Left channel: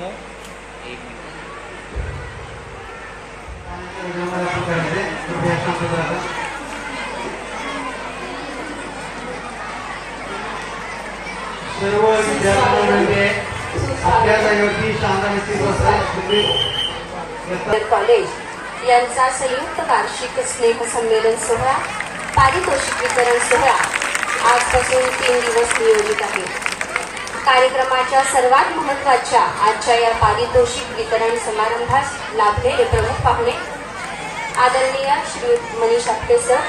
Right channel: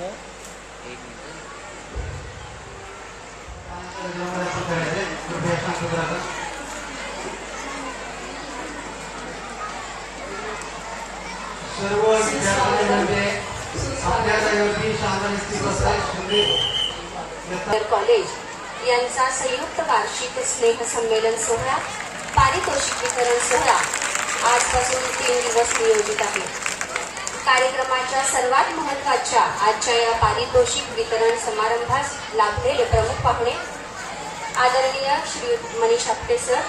समोर एक सर्व विद्यार्थ्यांमध्ये आपल्या जागेवरती शांततेत बसले कॉलेज यांचा संयुक्त वार्षिक स्नेह संमेलन सोहळा पारितोषिक वितरण सोहळा आजपासून 3 दिवस नियोजित आहे. कार्यक्रमाच्या सर्वात महत्त्वाच्या आजच्या या पारितोषिक वितरण समारंभास लाभलेले प्रमुख पाहुणे आदरणीय श्री मनीष आपटे सर,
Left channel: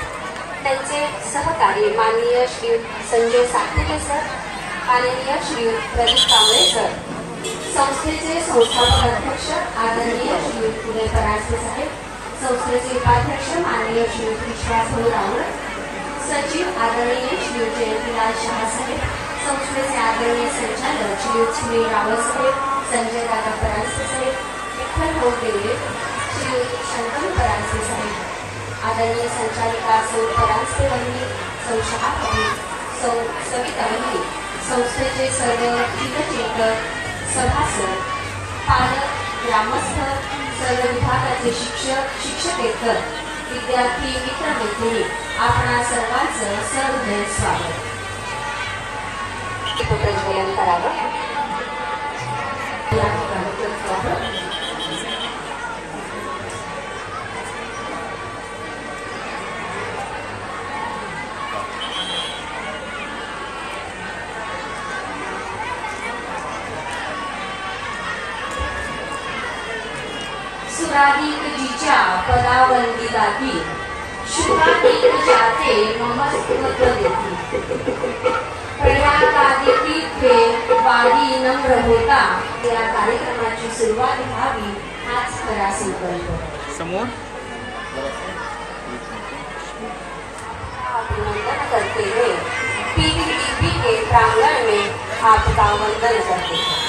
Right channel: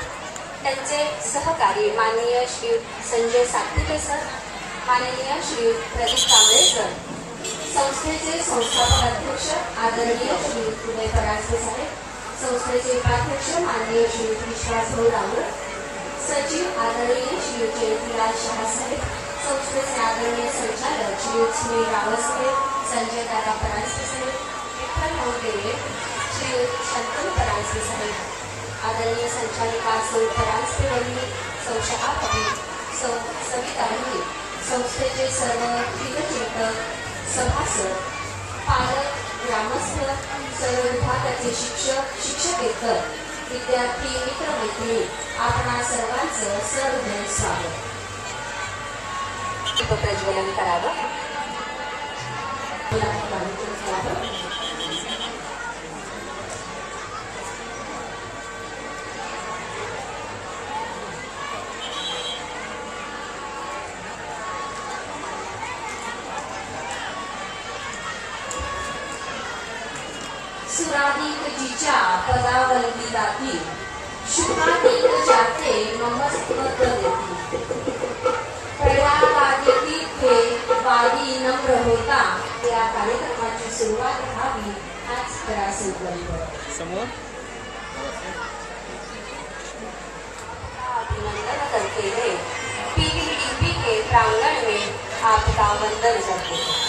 त्यांचे सहकारी माननीय श्री संजय सातपुते सर, माननीय श्री प्रदीप कांबळे सर, संस्थेचे संस्थापक अध्यक्ष आदरणीय श्री उदय परांजपे साहेब, संस्थेचे उपाध्यक्ष माननीय श्री विश्वासभाऊ रावळ, सचिव आदरणीय श्री जयंतीलाल शहा साहेब, संस्थेचे आदरणीय संचालक श्री सुनील रावळ साहेब, संजय दादा परांजपे साहेब, विठ्ठल भाऊ देवरे, श्री शंतनू परांजपे साहेब, आदरणीय संचालिका सौ परांजपे वहिनी, सौशहापती, सविता वहिनी, संस्थेचे सर्व हितचिंतक, सभासद, पालक, ग्रामस्थ, सर्व विभागाचे शिक्षक, शिक्षकेतर, विद्यार्थी, मित्र मैत्रिणी, आपणा सर्वांचं सहृदय स्वागत. प्रज्वलन करावं. सुराधिक जिच्या पदावंती गाती, शुभाधिक जाते ममस्त्व देती, प्रयागादिती थे वारी नम्र होता. या कार्यक्रमाची सुरुवात व्हावी हाच खरा संकल्प. समोर अभिनंदन करते हुए पीडीपी के प्रांगण में आपका वंदन करते हैं.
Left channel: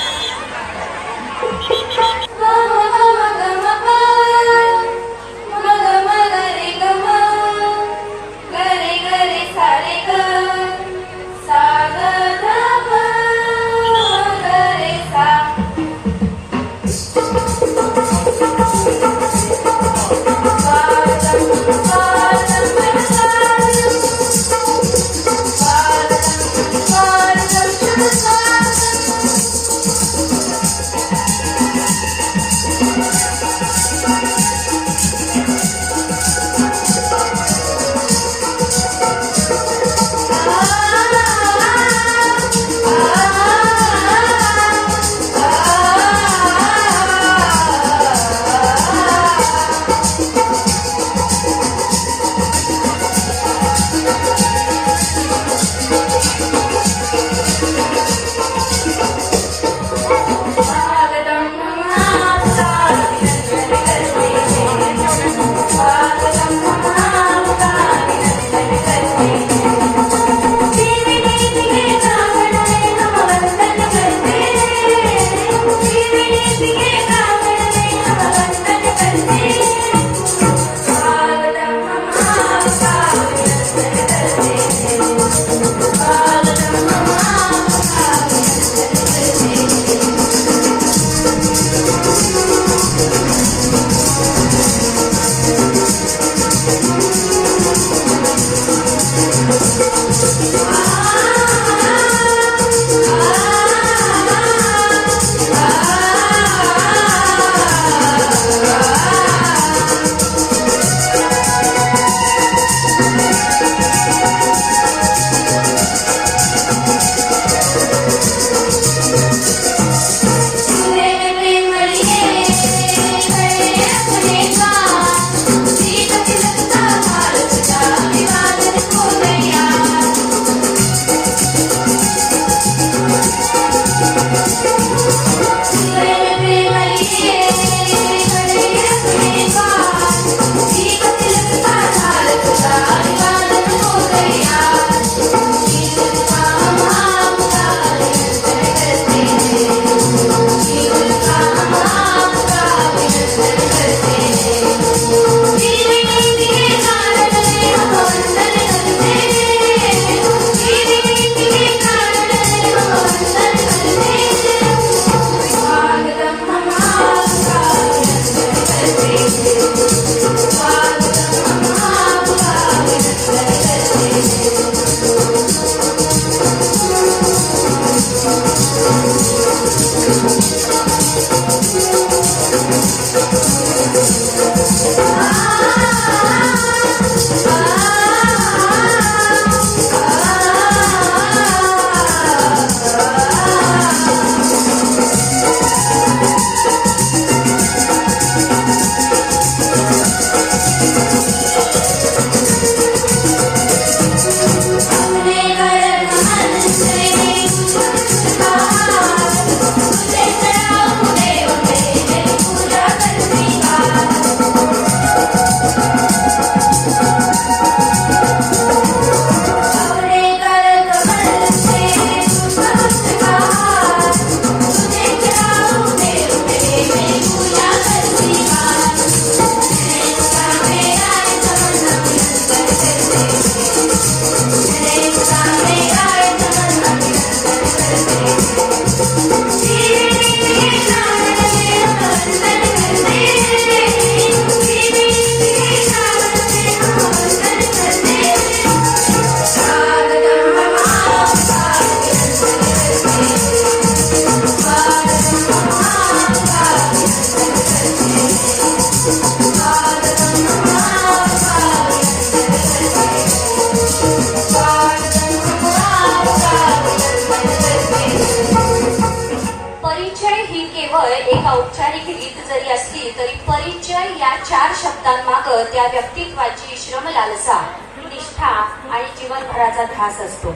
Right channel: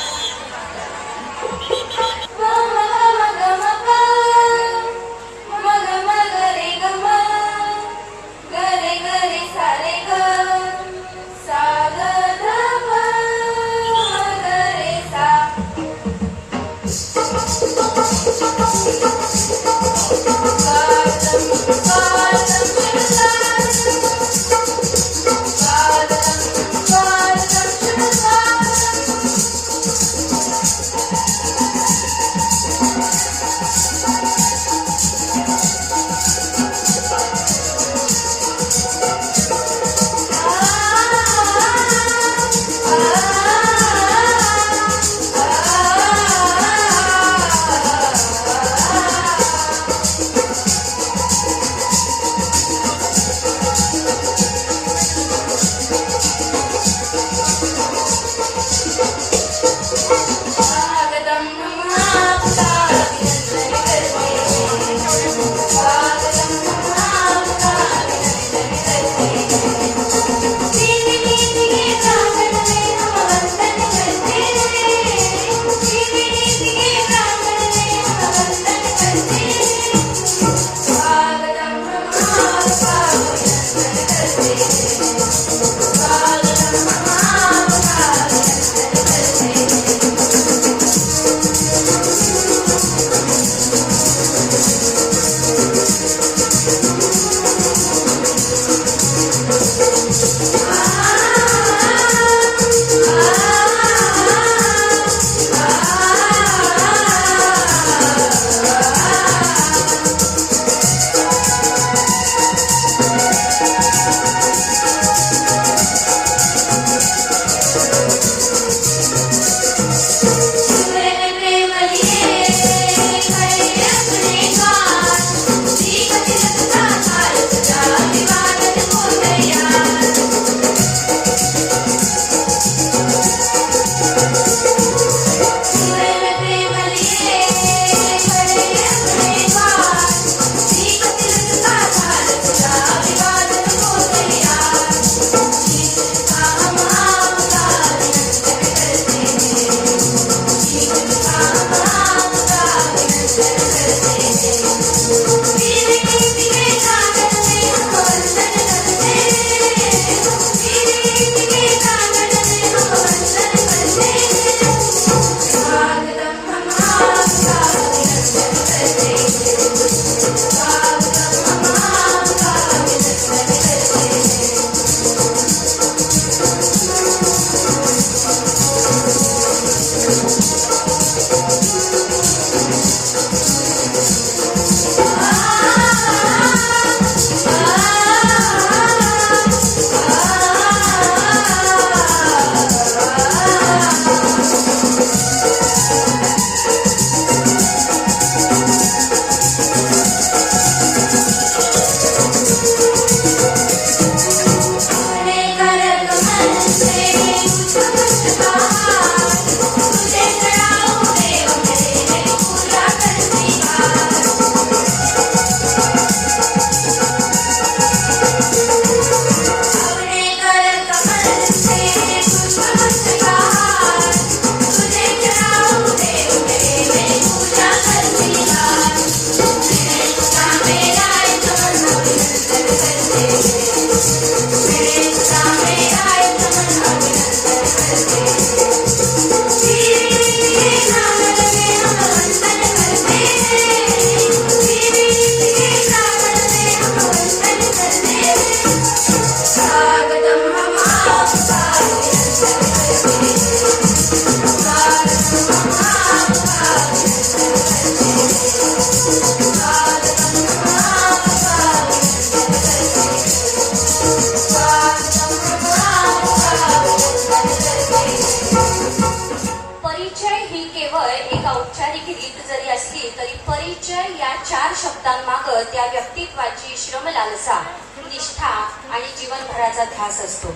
केवळ एक औपचारिक रीत जरी असली तरी परिचय या 4 शब्दांमागं त्या व्यक्तित्वाची श्रमलालसा, निष्ठा आणि जीवनभराचा ध्यास असतो.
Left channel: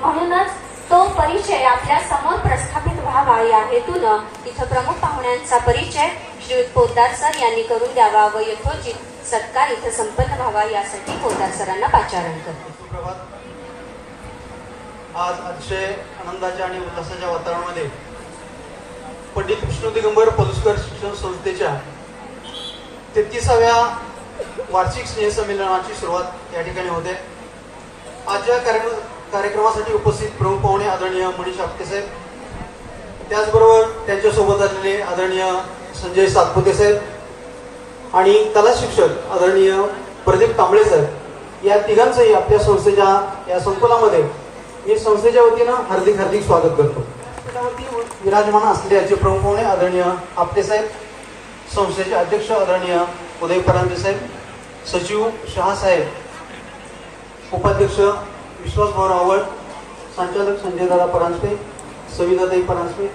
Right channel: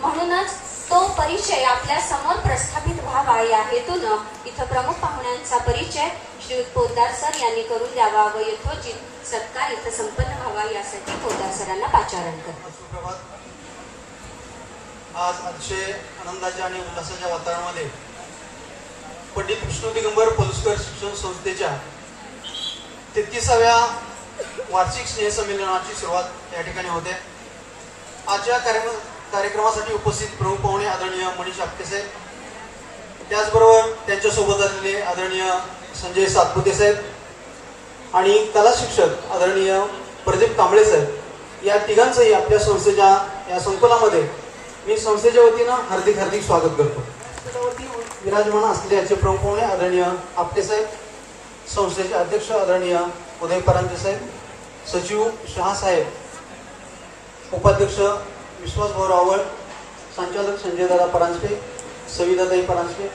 म्हणूनच तो परिचय आपल्या समोर प्रस्थापित व्हावा या हेतूनं इथं प्रमुख पाहुण्यांचा परिचय श्रीयुत पोद्दार सर यांनी करून द्यावा व यथोचित सत्कार इथं संपन्न व्हावा यासाठी पोद्दार सरांना पाचारण करतो. आज अतिशय आनंदाच्या आणि उल्हासाच्या वातावरणामध्ये पंडित विष्णू दिगंबर पलुसकर शिक्षण संस्थेच्या 33व्या वार्षिक स्नेहसंमेलनाची सुरुवात या ठिकाणी होते. आजच्या कार्यक्रमासाठी उपस्थित प्रमुख पाहुणे आदरणीय मनीष आपटे साहेब, त्याचबरोबर त्यांच्यासोबत असलेले आदरणीय संजय सातपुते साहेब आणि कला शिक्षक आदरणीय प्रदीप कांबळे साहेब, या तिघांचंही आपल्या संस्थेच्या या संकुलामध्ये मी संस्थेच्या वतीनं हार्दिक हार्दिक स्वागत करतो. त्यावरती विराजमान असलेले प्रमुख पाहुणे आदरणीय आपटे साहेब, संस्थेचे अध्यक्ष आदरणीय उदय परांजपे साहेब, सचिव शहा साहेब, उपाध्यक्ष विश्वास भाऊ रावळ, संचालक संजय दादा परांजपे, सविताताई परांजपे,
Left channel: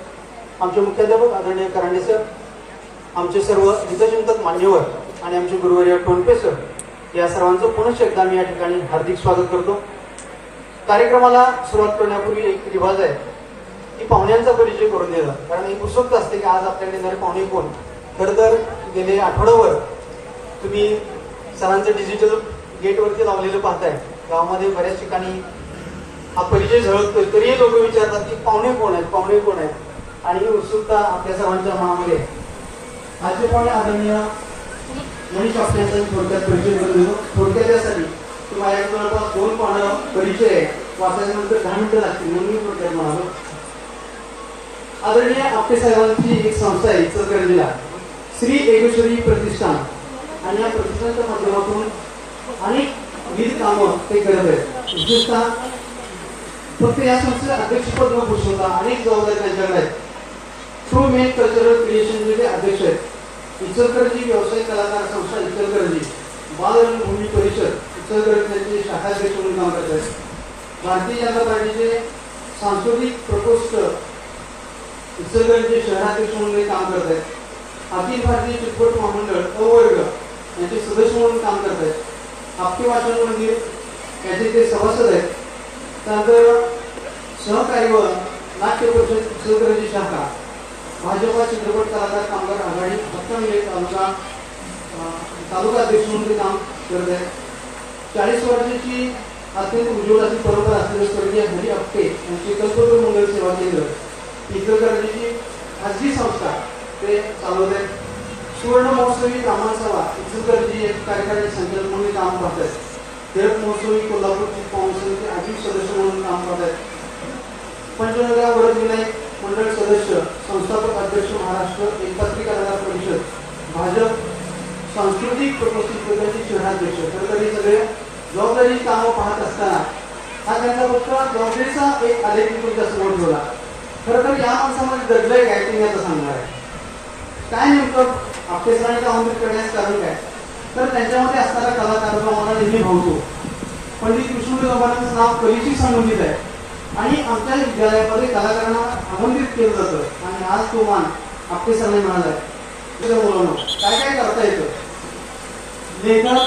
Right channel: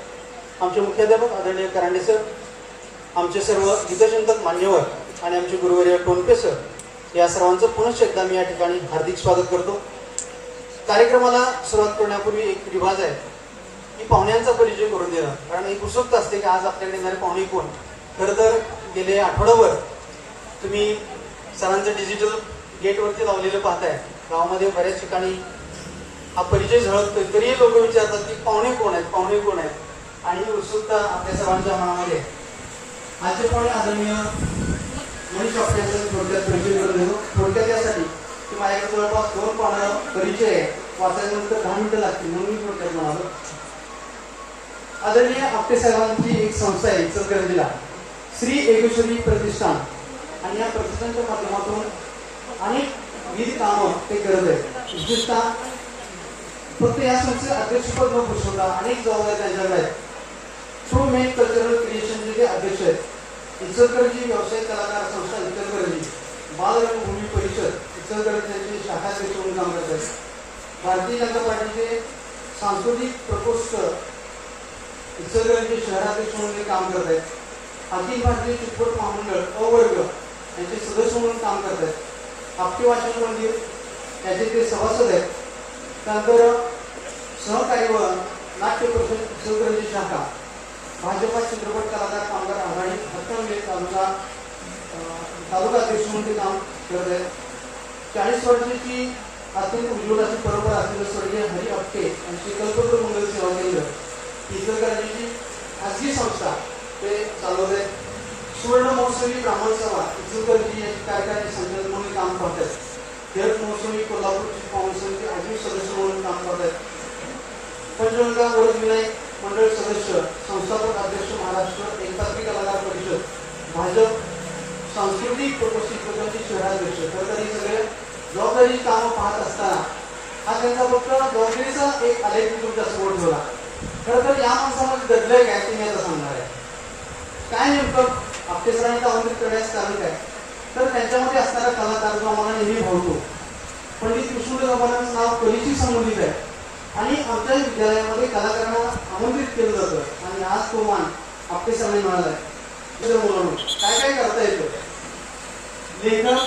आमचे मुख्याध्यापक आदरणीय करंडे सर, आमचे सर्व हितचिंतक मान्यवर आणि आमचे गुरुवर्य टोनपे सर, या सर्वांचं पुनश्च एकदा मी या ठिकाणी हार्दिक स्वागत करतो. कार्यक्रमाला सुरुवात करण्यापूर्वी एक रिवाज आहे की पाहुण्यांचा परिचय करून देणं, कारण एक उत्सुकता असते की आज आपल्याकडे येणारे पाहुणे कोण. खरं तर गेले आठवड्यावर तुम्ही सरांचं डिजिटल गेटवरती लावलेलं पाहताय. गावामध्ये बऱ्याच ठिकाणी हा परिचय झळकतोय, तरीही लोक विचारतात की पाहुणे कोण आहेत, पाहुणे कोण आहेत, आणि ही उत्सुकता आपल्या सर्वांच्या मनामध्ये. आजचे पाहुणे आदरणीय मनीष आपटे यांचा थोडक्यात परिचय करून देतो. थोडक्यात यासाठी माझ्या जवळपास 2 पानं परिचय वाचायच्यानंतर 10 मिनिटं लागतील म्हणून मी थोडक्यात म्हणालो. आदरणीय आपटे साहेबांची एक संस्था आहे इचलकरंजीला, श्री एकेश्वरी प्रतिष्ठान, आणि या प्रतिष्ठानच्या माध्यमातून अनेक विविध कामं ते करत आहेत. विशेषतः फक्त या संस्थेचे अध्यक्षपद न भूषवता अनेक जबाबदारी त्यांच्याकडे आहेत. ट्रू मेक कल्चरल क्रिएशन जे अध्यक्ष आहेत, इचलकरंजी व्यवसाय कलाकार संस्था इचलकरंजी, बालरंगभूमी परिषद इचलकरंजी शाखाध्यक्ष म्हणून काम करत आहेत. भारतीय जनता पार्टीचे सांस्कृतिक प्रकोष्ठ इचलकरंजी शहराध्यक्ष म्हणून काम करत आहेत. अखिल भारतीय चित्रपट महामंडळ अवर्ग यांचे सदस्य म्हणून काम करत आहेत. आपटे वाचन मंदिर याचे ते सभासद आहेत. त्यानंतर सहकारी व नाट्य परिषद इचलकरंजी शाखा, भाजपा चित्रपट कलाकार कामगार आघाडी हक्कमले तालुका अध्यक्ष म्हणून ते काम करत आहेत. 40 वर्षाची अत्यंत उज्ज्वल अशी परंपरा असलेले स्वर्गीय हरी आपटे यांची कल्पतरू मंगल सेवा केंद्र इचलकरंजीची खाजगी संस्था ते चालवत आहेत. सुवर्ण महोत्सवी ब्राह्मण सभा इचलकरंजी एक कार्यकारी संचालक म्हणून काम पाहत आहेत. टिळक महोत्सवी कोल्हापूरची काउन्सिलचे आजीव सदस्य म्हणून काम करत आहेत. पंचगंगा वरद विनायक मंडळ सदस्य, संस्थापक अध्यक्ष महाराष्ट्र एकपात्री कलाकार परिषद, भाजप सांस्कृतिक प्रकोष्ठाचे शहराध्यक्ष. तर हे सगळे जबाबदारी कामं पाहत असताना हा त्यांचा फक्त जबाबदारीचा एक आलेख तुमच्या समोर ठेवला. खरं तर या माणसामध्ये दडलंय काय तुम्ही आता सांगणार आहे. काय नेमकं आपटे सरांनी आमंत्रित करण्याचं कारण काय, तर त्यांच्यामध्ये असणारा कलाकार जो आम्हाला नेहमी भावतो. पंडित विष्णू दिगंबरांचं नाव कलेशी संबंधित आहे आणि आमच्या विद्यालयामध्ये कलाकारांना आमंत्रित केलं जातं आणि आज तो मान आपटे सरांनी मिळाला आहे. मुलांनो, काय काय करता येतं. लेखक,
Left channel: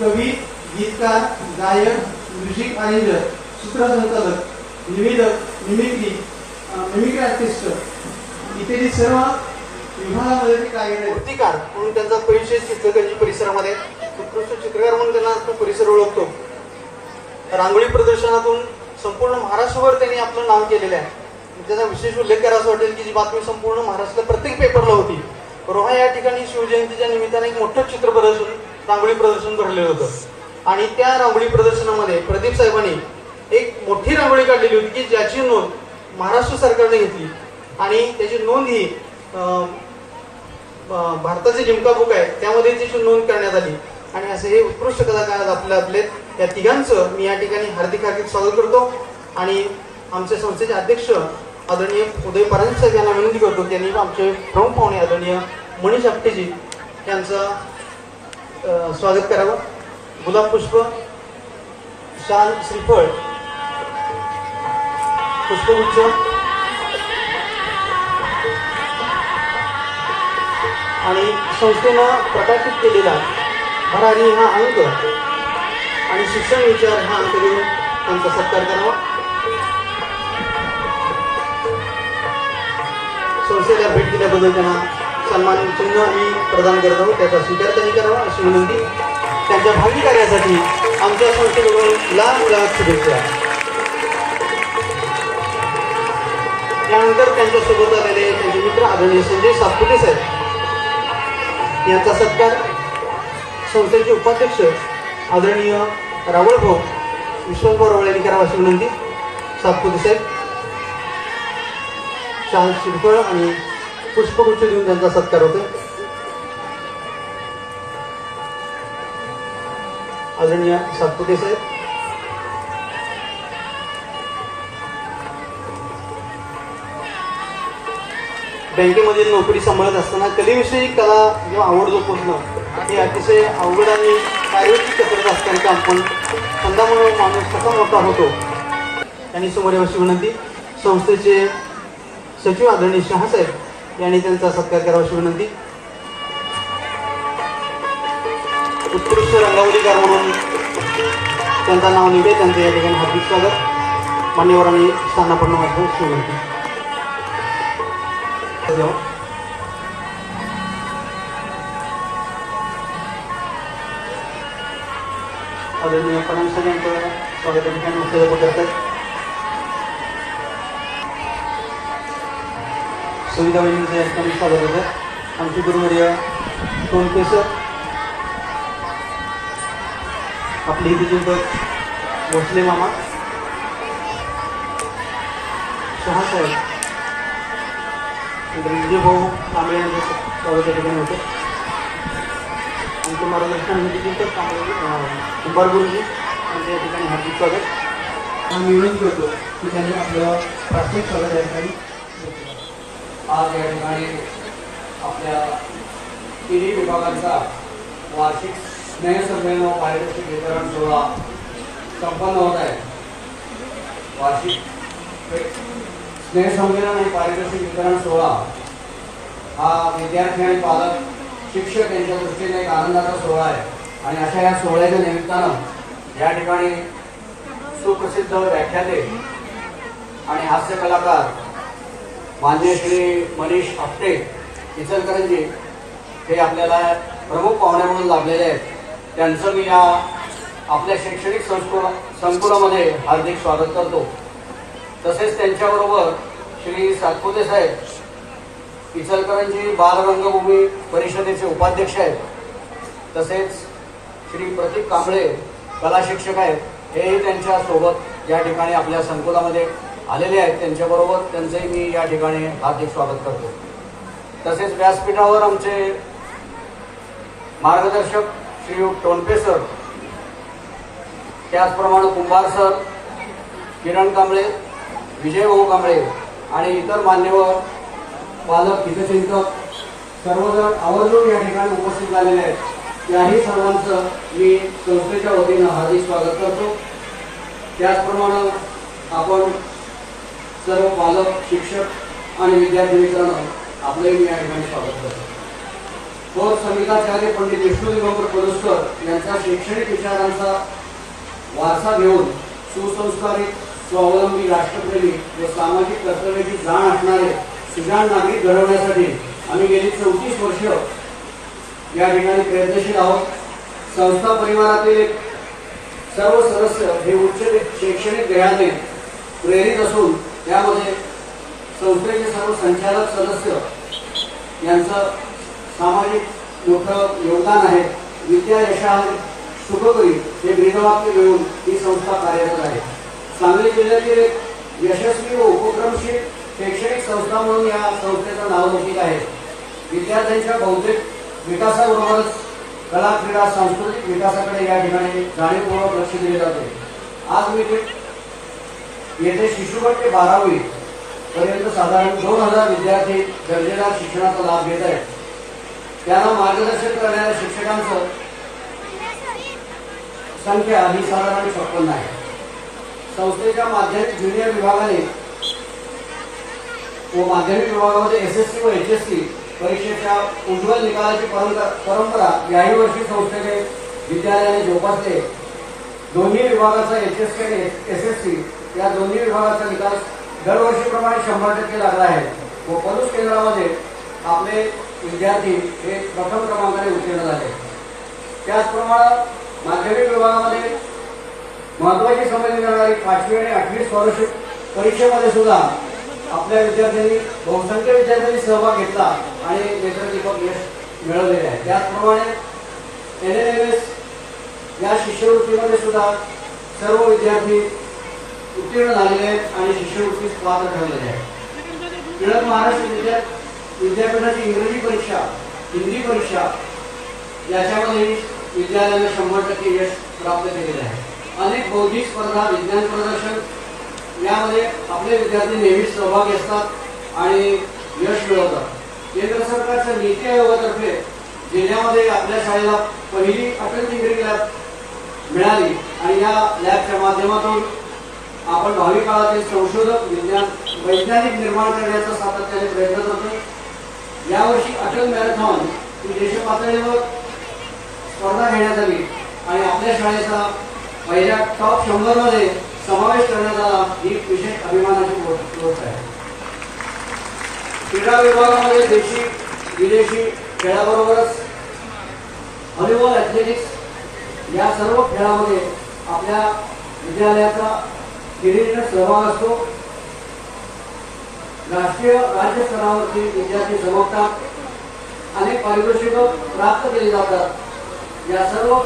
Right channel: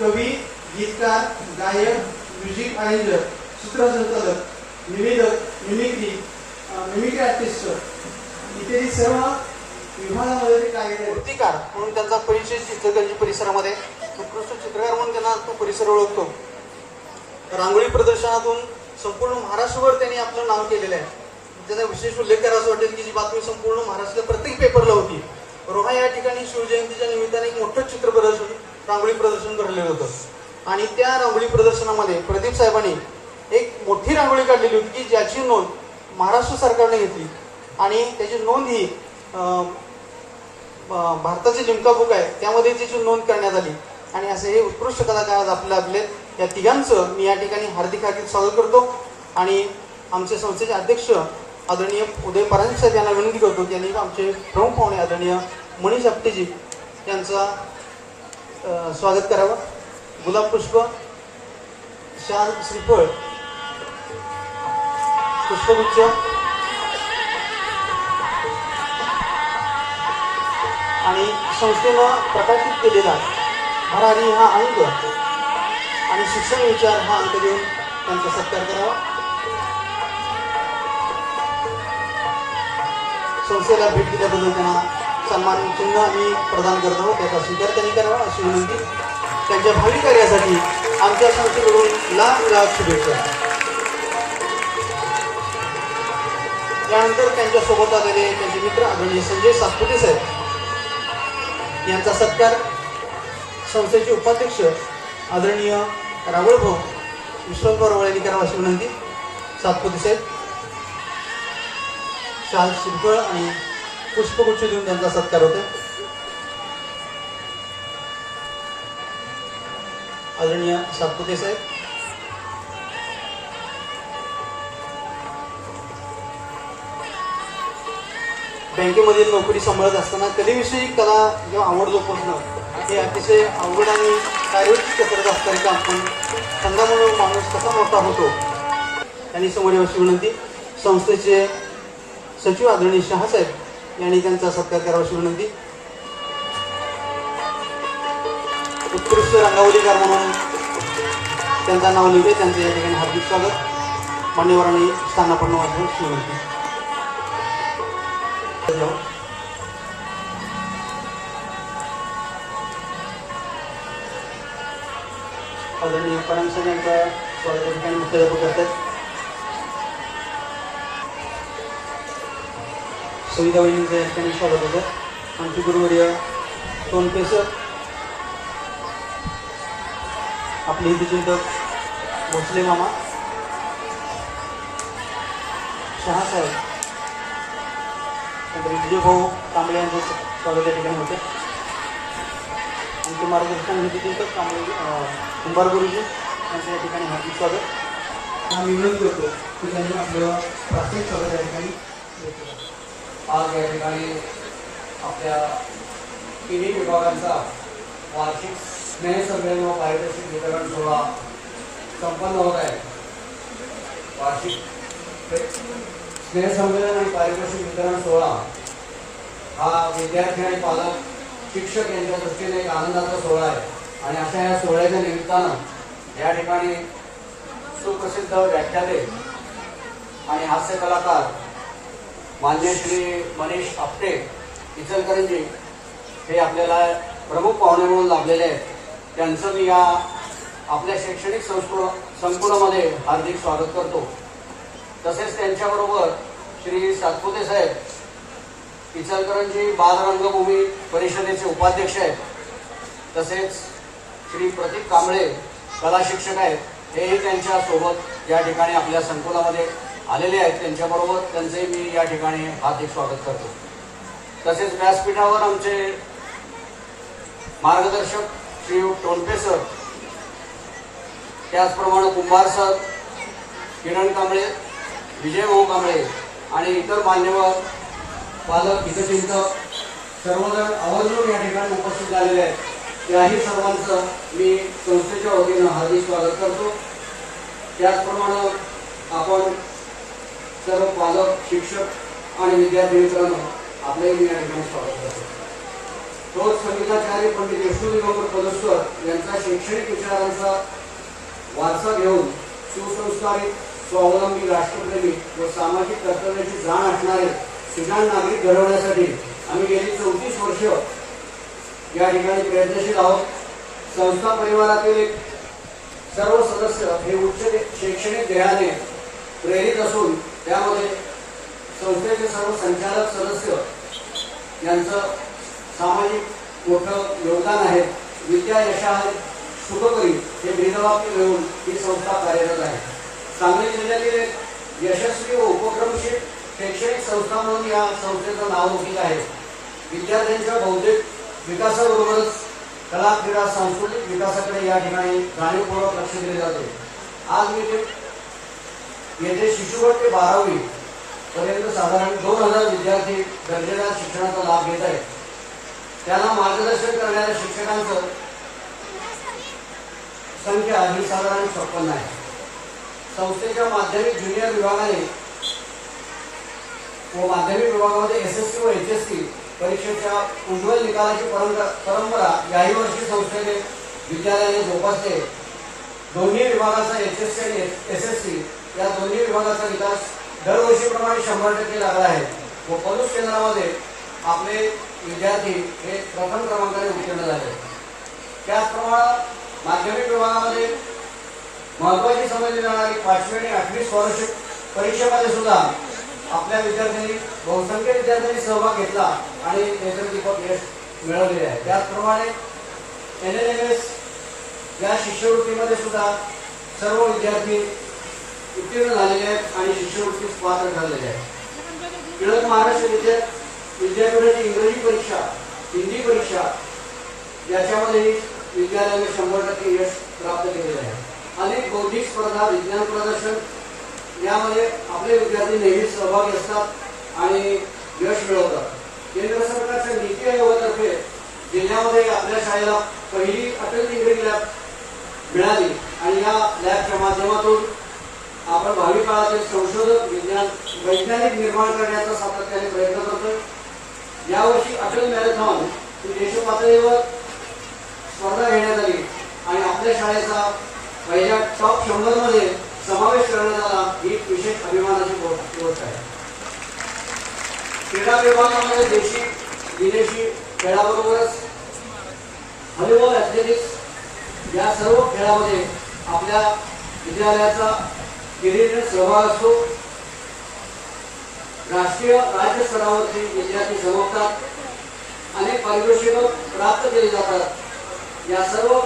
कवी, गीतकार, गायक, म्युझिक अरेंजर, सूत्रसंचालक, निवेदक, मिमिक्री आर्टिस्ट इत्यादी सर्व विभागामध्ये ते कार्यरत आहेत. मूर्तिकार म्हणून त्यांचा परिचय इचलकरंजी परिसरामध्ये, उत्कृष्ट चित्रकार म्हणून त्यांना तो परिसर ओळखतो. रांगोळी प्रदर्शनातून संपूर्ण महाराष्ट्रभर त्यांनी आपलं नाव केलेलं आहे. त्याचा विशेष उल्लेख करायचा वाटेल की जी बातमी संपूर्ण महाराष्ट्रात प्रत्येक पेपरला होती. रोहा या ठिकाणी शिवजयंतीच्या निमित्ताने एक मोठं चित्र प्रदर्शन, रांगोळी प्रदर्शन भरलेलं होतं आणि त्या रांगोळी प्रदर्शनामध्ये प्रदीप साहेबांनी एक मोठी रांगोळी काढलेली होती की ज्याची नोंद महाराष्ट्र सरकारने घेतली आणि त्याची नोंद ही भारताचे जिमका बुक आहे त्यामध्ये त्याची नोंद करण्यात आली. आणि असे हे उत्कृष्ट कलाकार आज आपले या तिघांचं मी या ठिकाणी हार्दिक हार्दिक स्वागत करतो. आणि आमच्या संस्थेचे अध्यक्ष आदरणीय उदय परांजपे साहेब यांना विनंती करतो त्यांनी आमचे प्रमुख पाहुणे आदरणीय मनीष आपटेजी यांचं स्वागत करावं. गुलाब पुष्प, शाल, श्रीफळ, पुष्पगुच्छ आणि संस्थेनं प्रकाशित केलेला भरारी हा अंक आणि शिक्षण विचार हा अंक देऊन त्यांचा सत्कार करावा. संस्थेला भेट दिल्याबद्दल त्यांना सन्मान चिन्ह मी प्रदान करत आहोत, त्याचा स्वीकार त्यांनी करावा अशी विनंती. त्यांच्या भावी कार्यासाठी आमच्या संस्थेकडून लाख शुभेच्छा. त्यानंतर त्यांच्यासोबत आलेले त्यांचे मित्र आदरणीय संजय सातपुते साहेब यांचा सत्कार संस्थेचे उपाध्यक्ष आदरणीय रावळभाऊ विश्वासभाऊ रावळ यांनी करावा अशी विनंती. सातपुते साहेब शाल श्रीफळ आणि पुष्पगुच्छ देऊन त्यांचा सत्कार होतो. आदरणीय सातपुते साहेब. बँकेमध्ये नोकरी सांभाळत असताना कलेविषयी कला जेव्हा आवड जोपासणं हे अतिशय अवघड आणि कार्यवृत्ती कसरत असणारे काम, पण छंदा म्हणून माणूस कसा मोठा होतो त्यांनी समोर याची विनंती. संस्थेचे सचिव आदरणीय शहासाहेब यांनी त्यांचा सत्कार करावा अशी विनंती. उत्कृष्ट रंगावलीकार म्हणून त्यांचा नाव निघते, त्यांचं या ठिकाणी हार्दिक स्वागत. मान्यवरांनी स्थानापन्न अशी विनंती. आदरणीय पणन साहेब यांचा स्वागत करतात. सुविधा वहिनींचं या ठिकाणी स्वागत होतं. आमची गुरुवर्य टोलके सर, आपले हितचिंतक भोसले मामा, शहासाहेब, विजय भाऊ कांबळे यांचं स्वागत या ठिकाणी होतं. आमचे मार्गदर्शन हितचिंतक कुंभार गुरुजी यांचं या ठिकाणी हार्दिक स्वागत. हा मी विनंती करतो की त्यांनी आपलं प्राथमिक स्वागत या ठिकाणी. आज या ठिकाणी आपल्या तिन्ही विभागांचा वार्षिक स्नेहसंमेलन व पारितोषिक वितरण सोहळा संपन्न होत आहे. वार्षिक स्नेहसंमेलन आणि पारितोषिक वितरण सोहळा हा विद्यार्थी आणि पालक शिक्षक यांच्या दृष्टीने एक आनंदाचा सोहळा आहे. आणि अशा या सोहळ्याच्या निमित्तानं या ठिकाणी सुप्रसिद्ध व्याख्याते आणि हास्य कलाकार माननीय श्री मनीष आपटे इचलकरंजी हे आपल्याला प्रमुख पाहुणे म्हणून लाभलेले आहेत. त्यांचं मी या आपल्या शैक्षणिक संकुलामध्ये हार्दिक स्वागत करतो. तसेच त्यांच्याबरोबर श्री सातपुते साहेब इचलकरंजी बालरंगभूमी परिषदेचे उपाध्यक्ष आहेत. तसेच श्री प्रतीक कांबळे कला शिक्षक आहेत, हेही त्यांच्या सोबत या ठिकाणी आपल्या संकुलामध्ये आलेले आहेत. त्यांच्याबरोबर त्यांचे मी या ठिकाणी हार्दिक स्वागत करतो. तसेच व्यासपीठावर आमचे मार्गदर्शक श्री टोनपे सर, त्याचप्रमाणे कुंभार सर, किरण कांबळे, विजय भाऊ कांबळे आणि इतर मान्यवर पालक हितचिंतक सर्वजण आवर्जून या ठिकाणी उपस्थित झालेले आहेत. त्याही सर्वांचं मी संस्थेच्या वतीनं हार्दिक स्वागत करतो. त्याचप्रमाणे आपण सर्व पालक, शिक्षक आणि विद्यार्थी मित्रांनो आपलंही मी या ठिकाणी स्वागत करतो. थोर संगीताचार्य पंडित विष्णुदेव पलुस्कर यांचा शैक्षणिक विचारांचा वारसा घेऊन सुसंस्कारित, स्वावलंबी, राष्ट्रप्रेमी व सामाजिक कर्तव्याची जाण असणारे सुजाण नागरिक घडवण्यासाठी आम्ही गेली 34 वर्ष या ठिकाणी प्रयत्नशील आहोत. संस्था परिवारातील सर्व सदस्य हे उच्च शैक्षणिक ध्येयाने प्रेरित असून त्यामध्ये संस्थेचे सर्व संचालक सदस्य यांचं सामाजिक मोठं योगदान आहे. विद्या यशाहर सुखकरी हे ब्रीदवाक्य मिळून ही संस्था कार्यरत आहे. सांगली जिल्ह्यातील एक यशस्वी व उपक्रमशील शैक्षणिक संस्था म्हणून या संस्थेचं नावलौकिक आहे. विद्यार्थ्यांच्या बौद्धिक विकासाबरोबरच कला, क्रीडा, सांस्कृतिक विकासाकडे या ठिकाणी जाणीवपूर्वक लक्ष दिले जाते. आज मी येथे शिशुगट ते 12वी पर्यंत साधारण 2000 विद्यार्थी दर्जेदार शिक्षणाचा लाभ घेत आहेत. त्यांना मार्गदर्शन करणाऱ्या शिक्षकांचं संख्या ही साधारण 56 आहे. संस्थेच्या माध्यमिक ज्युनियर विभागाने व माध्यमिक विभागामध्ये SSC व HSC परीक्षेच्या उज्ज्वल निकालाची परंपरा याही वर्षी संस्थेने विद्यालयाने जोपासले. दोन्ही विभागाचा HSC आणि SSC या दोन्ही विभागाचा निकाल दरवर्षीप्रमाणे 100% लागला आहे व पलूस केंद्रामध्ये आपले विद्यार्थी हे प्रथम क्रमांकाने उत्तीर्ण झाले. त्याचप्रमाणे माध्यमिक विभागामध्ये महत्वाची समजली जाणारी 5वी आणि 8वी स्कॉलरशिप परीक्षेमध्ये सुद्धा आपल्या विद्यार्थ्यांनी बहुसंख्य विद्यार्थ्यांनी सहभाग घेतला आणि नेत्रदीपक यश मिळवलेले आहे. त्याचप्रमाणे NNMS या शिष्यवृत्तीमध्ये सुद्धा सर्व विद्यार्थी उत्तीर्ण झालेले आहेत आणि शिष्यवृत्तीस पात्र ठरलेले आहेत. टिळक महाराष्ट्र विद्यापीठाची इंग्रजी परीक्षा, हिंदी परीक्षा याच्यामध्ये विद्यालयाने 100% यश प्राप्त केलेले आहे. अनेक बौद्धिक स्पर्धा, विज्ञान प्रदर्शन यामध्ये आपले विद्यार्थी नेहमी सहभागी असतात आणि यश मिळवतात. केंद्र सरकारच्या नीती आयोगातर्फे जिल्ह्यामध्ये आपल्या शाळेला पहिली अटल टिंकरिंग लॅब मिळाली आणि या लॅबच्या माध्यमातून आपण भावी काळातील संशोधक वैज्ञानिक निर्माण करण्याचा सातत्याने प्रयत्न करतोय. यावर्षी अटल मॅरेथॉन ही देश पातळीवर स्पर्धा घेण्यात आली आणि आपल्या शाळेचा पहिल्या टॉप 100 मध्ये समावेश करण्यात आला. ही विशेष अभिमानाची गोष्ट आहे. क्रीडा विभागामध्ये देशी विदेशी खेळाबरोबरच व्हॉलीबॉल, ॲथलेटिक्स या सर्व खेळामध्ये आपल्या विद्यालयाचा किरीट सहभाग असतो. राष्ट्रीय राज्य स्तरावरती विद्यार्थी चमकतात. अनेक पारितोषिकं प्राप्त केली जातात. या सर्व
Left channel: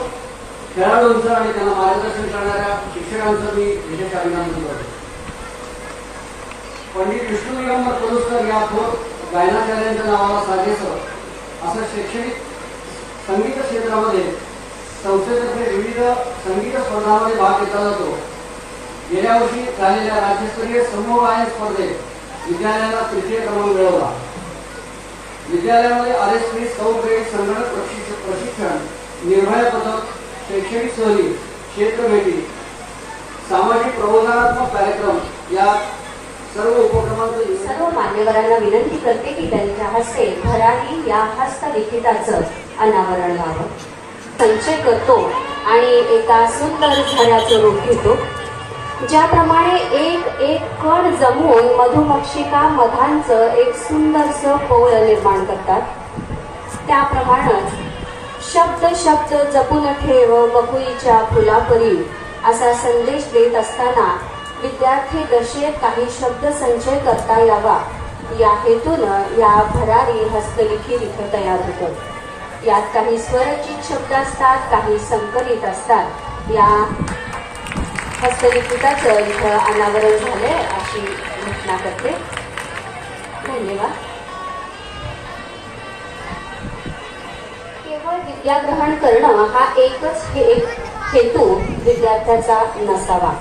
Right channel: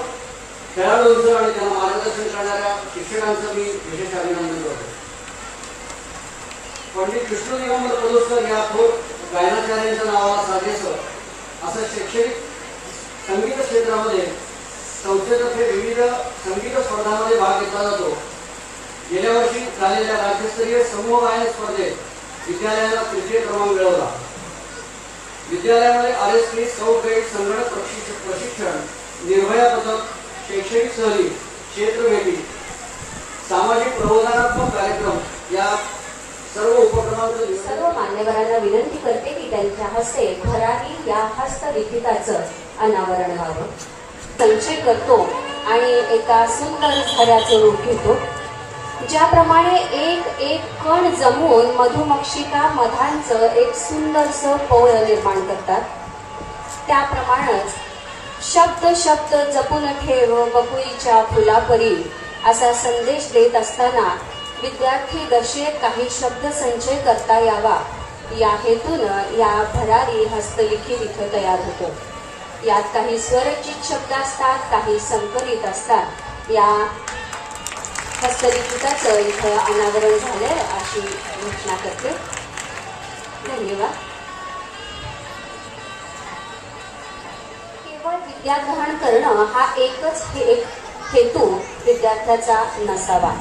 खेळाडूंचं आणि त्यांना मार्गदर्शन करणाऱ्या शिक्षकांचं मी विशेष अभिनंदन करतो. पंडित विष्णू दिगंबर पलुसकर या थोर गायनाचार्यांच्या नावाला साजेसं असं शैक्षणिक संगीत क्षेत्रामध्ये संस्थेतर्फे विविध संगीत स्पर्धांमध्ये भाग घेतला जातो. गेल्या वर्षी झालेल्या राज्यस्तरीय समूह गायन स्पर्धेत विद्यालयाला तृतीय क्रमांक मिळवला. विद्यालयामध्ये RSP, स्काउट गाईड, संगणक प्रशिक्षण, निर्भया पथक, शैक्षणिक सहली, क्षेत्र भेटी, सामाजिक प्रबोधनात्मक कार्यक्रम या सर्व उपक्रमांचं सर्व मान्यवरांना विनंती करते की त्यांच्या हस्ते भरारी या हस्तलिखिताचं अनावरण व्हावं. संचय करतो आणि एका सुंदर झऱ्याचं रूप घेतो. ज्याप्रमाणे एक एक कण जमून मधुमक्षिका मधांचं एक सुंदरसं पोवळं निर्माण करतात, त्याप्रमाणेच शब्द शब्द जपून ठेव बकुळीच्या फुलापरी असा संदेश देत असताना विद्यार्थी दशेत काही शब्द संचय करता यावा या हेतूनं या भरारी हस्तलिखित इथं तयार होतं. यात काही स्वरचित शब्द असतात, काही संकलित असतात. या हस्तलिखिताचं इथं अनावरण झालंय अशी घोषणा करते. धन्यवाद. केवळ विद्याग्रहण करणं हा एकच हेतू विद्यार्थ्याचा नसावा.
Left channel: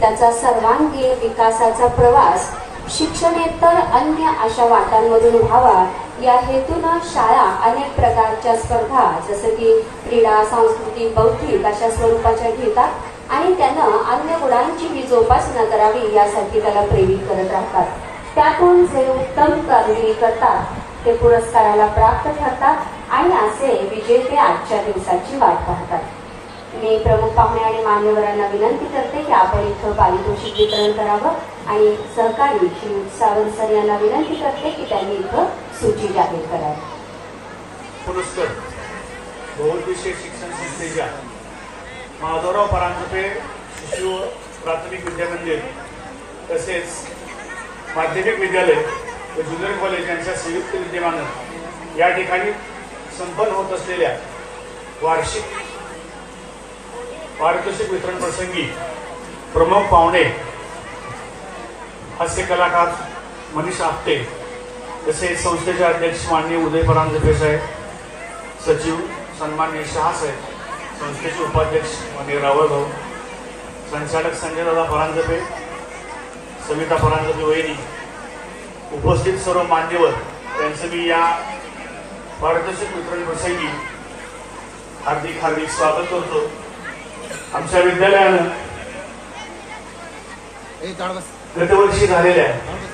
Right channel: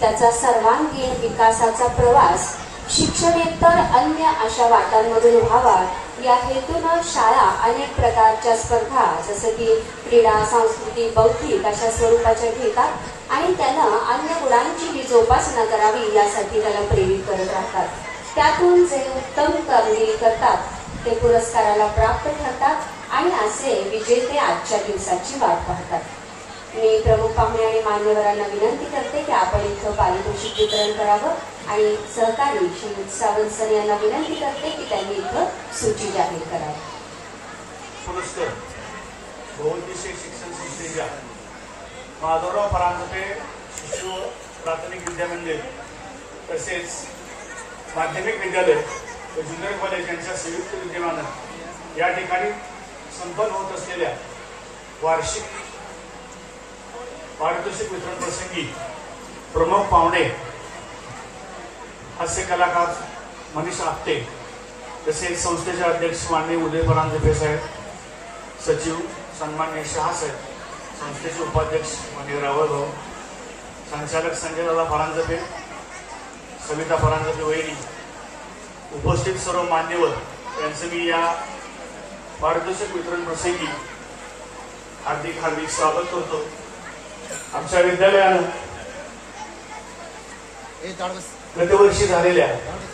त्याचा सर्वांगीण विकासाचा प्रवास शिक्षणेतर अन्य अशा वाटांमधून व्हावा या हेतूनं शाळा अनेक प्रकारच्या स्पर्धा जसं की क्रीडा, सांस्कृतिक, बौद्धिक अशा स्वरूपाच्या घेतात आणि त्यानं अन्य गुणांचीही जोपासना करावी यासाठी त्याला प्रेरित करत राहतात. त्यातून जे उत्तम कामगिरी करतात ते पुरस्काराला प्राप्त ठरतात आणि असे विजेते आजच्या दिवसाची वाट पाहतात. मी प्रमुख पाहुणे आणि मान्यवरांना विनंती करते की आपण इथं पारितोषिक वितरण करावं आणि सहकारी श्री सावंत सर यांना विनंती करते की त्यांनी इथं सूची जाहीर करावी. पुरस्कार बहुउद्देशीय शिक्षण संस्थेच्या माधवराव परांजपे शिशु प्राथमिक विद्यामंदिर तसेच माध्यमिक विद्यालय व ज्युनियर कॉलेज यांच्या संयुक्त विद्यमानं या ठिकाणी संपन्न होत असलेल्या वार्षिक पारितोषिक वितरण प्रसंगी प्रमुख पाहुणे हास्य कलाकार मनीष आपटे तसेच संस्थेचे अध्यक्ष माननीय उदय परांजपे साहेब, सचिव सन्माननीय शहा साहेब, संस्थेचे उपाध्यक्ष माननीय रावळ भाऊ, संचालक संजय दादा परांजपे, समिता परांजपे वहिनी, उपस्थित सर्व मान्यवर त्यांचे मी या पारितोषिक वितरण प्रसंगी हार्दिक हार्दिक स्वागत करतो. आमच्या विद्यालयानं गतवर्षी झालेल्या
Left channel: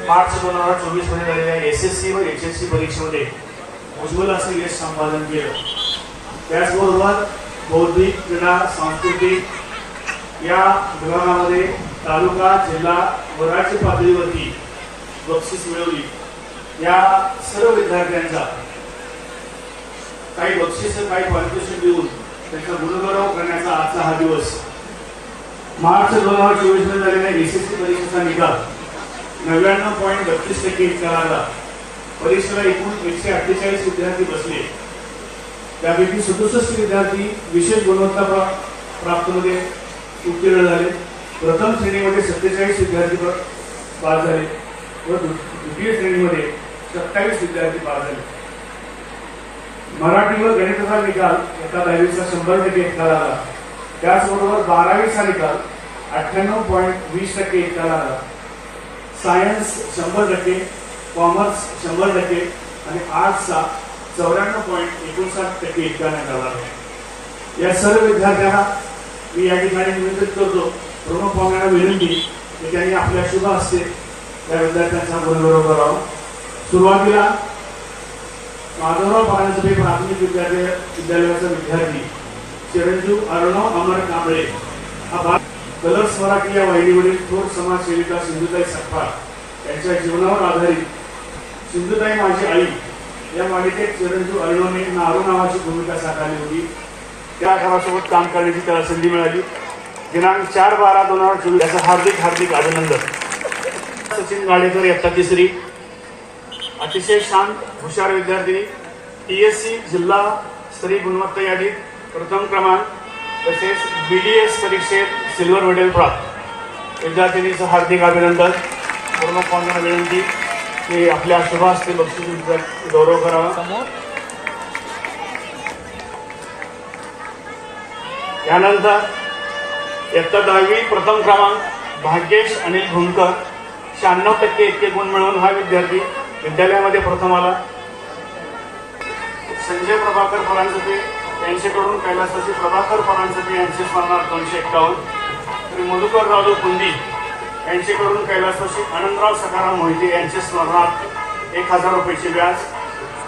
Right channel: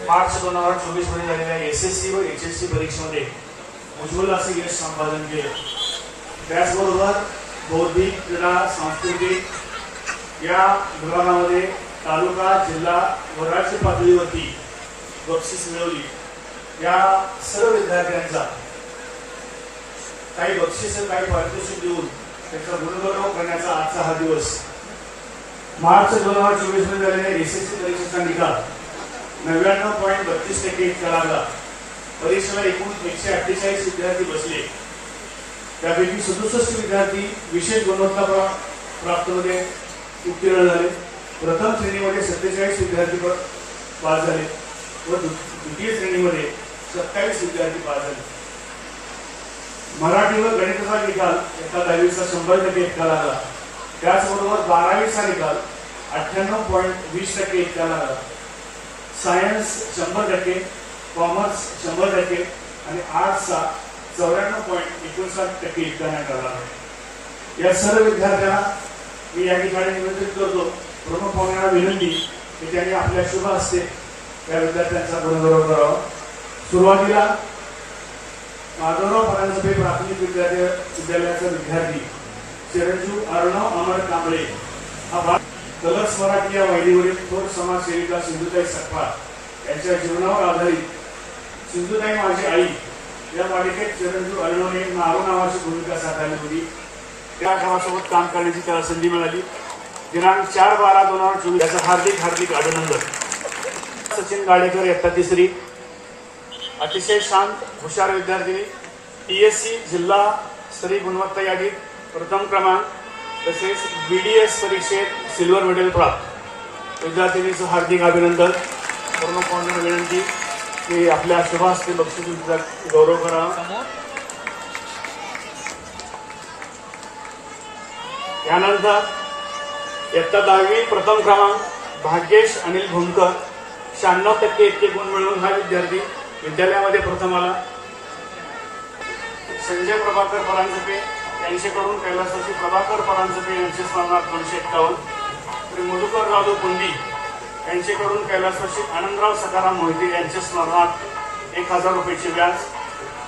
मार्च 2024 मध्ये झालेल्या SSC व HSC परीक्षेमध्ये उज्ज्वल असे यश संपादन केले. त्याचबरोबर बौद्धिक, क्रीडा, सांस्कृतिक या विभागामध्ये तालुका, जिल्हा व राज्य पातळीवरती बक्षीस मिळवली. या सर्व विद्यार्थ्यांचा काही बक्षीस, काही पारितोषिक देऊन त्यांचा गुणगौरव करण्याचा आजचा हा दिवस. मार्च 2024 मध्ये झालेल्या एसएससी परीक्षेचा निकाल 99.32% इतका लागला. परीक्षेला एकूण 148 विद्यार्थी बसले. त्यापैकी 67 विद्यार्थी विशेष गुणवत्ता प्राप्त मध्ये उत्तीर्ण झाले. प्रथम श्रेणीमध्ये 47 विद्यार्थी पास झाले व द्वितीय श्रेणीमध्ये 27 विद्यार्थी पास झाले. मराठी व गणिताचा निकाल एका 10वीचा 100% इतका लागला. त्याचबरोबर 12वीचा निकाल 98.20% इतका लागला. सायन्स 100%, कॉमर्स 100% आणि आर्ट्सचा 94.59% इतका निकाल लागला. या सर्व विद्यार्थ्यांना मी या ठिकाणी निवेदन करतो, प्रमुख पाहुण्यांना विनंती की त्यांनी आपल्या शुभ हस्ते या विद्यार्थ्यांचा गुणगौरव करावा. सुरुवातीला माधवराव परांजपे प्राथमिक विद्यालयाचा विद्यार्थी चिरंजीव अर्णव अमर कांबळे हा कलर्स मराठी या वाहिनीवरील थोर समाजसेविका सिंधुताई सकपाळ यांच्या जीवनावर आधारित सिंधुताई माझी आई या मालिकेत चिरंजीव अर्णवने नारू नावाची भूमिका साकारली होती. त्या घरासोबत काम करण्याची त्याला संधी मिळाली. दिनांक 4/12/2024 याचा हार्दिक हार्दिक अभिनंदन. सचिन गाडेकर इयत्ता 3री, अतिशय शांत हुशार विद्यार्थी, TSC जिल्हा स्तरीय गुणवत्ता यादीत प्रथम क्रमांक तसेच BDS परीक्षेत सिल्वर मेडल प्राप्त विद्यार्थिनीचं हार्दिक अभिनंदन. प्रमुख पाहुण्यांना विनंती की आपल्या शुभ हस्ते बक्षीस गौरव करावा. यानंतर इयत्ता 10वी प्रथम क्रमांक भाग्येश अनिल भुंकर 96% इतके गुण मिळवून हा विद्यार्थी विद्यालयामध्ये प्रथम आला. संजय प्रभाकर परांजपे यांच्याकडून कैलासवासी प्रभाकर परांजपे यांचे स्मरणार्थ 251. श्री मधुकर राव कुंदी यांच्याकडून कैलासवासी आनंदराव सखाराम मोहिते यांचे स्मरणार्थ 1000 रुपयाचे व्याज.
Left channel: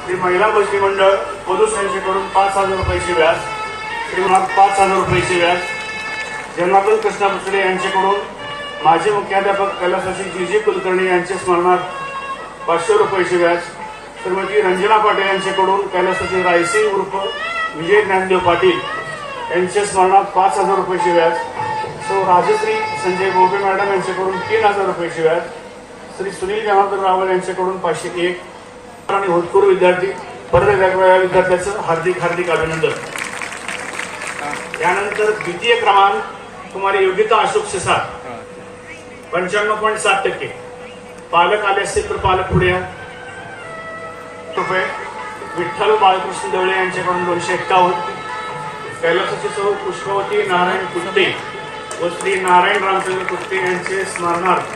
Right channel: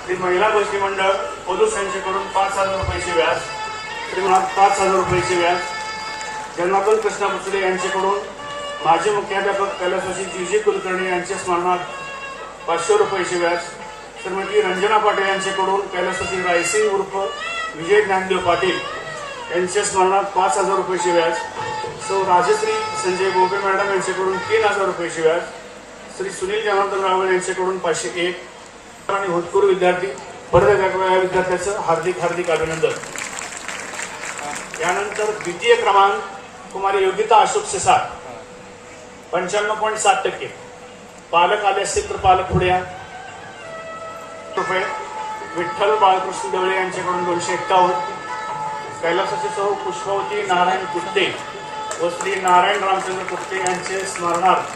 श्री महिला बचती मंडळ पोलूस यांच्याकडून 5000 रुपयाचे व्याज. श्री 5000 रुपयाचे व्याज. जनार्दन कृष्णा बुचडे यांच्याकडून माजी मुख्याध्यापक कैलासवासी GG कुलकर्णी यांचे स्मरणार्थ 500 रुपयाचे व्याज. श्रीमती रंजना पाटील यांच्याकडून कैलासवासी रायसिंग उर्फ विजय ज्ञानदेव पाटील यांचे स्मरणार्थ 5000 रुपयाचे व्याज. सौ राजश्री संजय बोबे मॅडम यांच्याकडून 3000 रुपयाचे व्याज. श्री सुनील जनार्दन रावळ यांच्याकडून 501 आणि होतकरू विद्यार्थी परत या विद्यार्थ्याचं हार्दिक हार्दिक अभिनंदन. यानंतर द्वितीय क्रमांक कुमारी योगिता अशोक सिसार 95.7%. पालक आले असतील तर पालक पुढे या. रुपये. विठ्ठल बाळकृष्ण देवळे यांच्याकडून 251. कैलासाची सौ पुष्पावती नारायण कुट्टे व श्री नारायण रामचंद्र कुट्टे यांचे स्मरणार्थ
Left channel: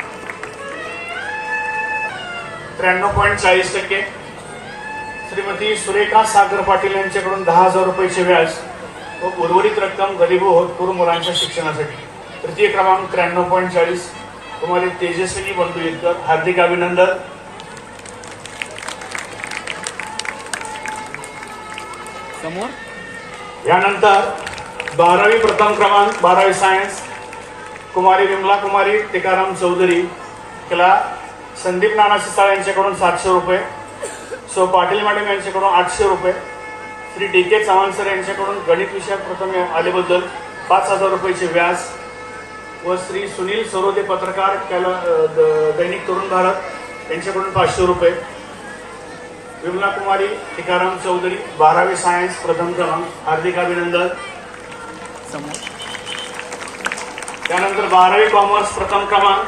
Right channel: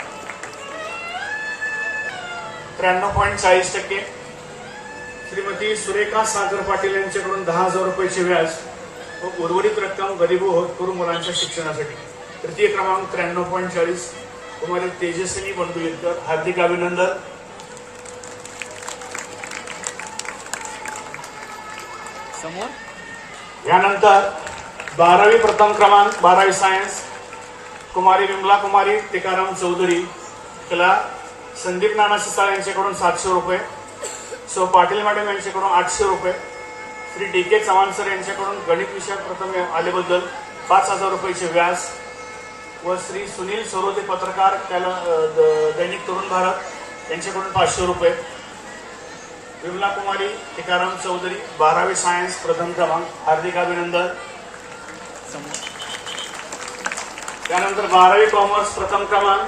93.40%. श्रीमती सुरेखा सागर पाटील यांच्याकडून 10,000 रुपयाचे व्याज व उर्वरित रक्कम गरीब व होतकरू मुलांच्या शिक्षणासाठी. तृतीय क्रमांक 93.40 कुमारी तेजस्विनी बंधू इतकर हार्दिक अभिनंदन. यानंतर 12वी प्रथम क्रमांक 12वी सायन्स कुमारी विमला कुमारी टिकाराम चौधरी तिला संदीप नाना सिसाळ यांच्याकडून 700 रुपये. सौ पाटील मॅडम यांच्याकडून 800 रुपये. श्री DK चव्हाण सर यांच्याकडून गणित विषयात प्रथम आल्याबद्दल 5000 रुपयाचे व्याज व श्री सुनील सरोदे पत्रकार दैनिक तरुण भारत यांच्याकडून 500 रुपये. विमला कुमारी टिकाराम चौधरी 12वी सायन्स प्रथम क्रमांक हार्दिक अभिनंदन. त्यानंतर 12वी कॉमर्स प्रथम क्रमांक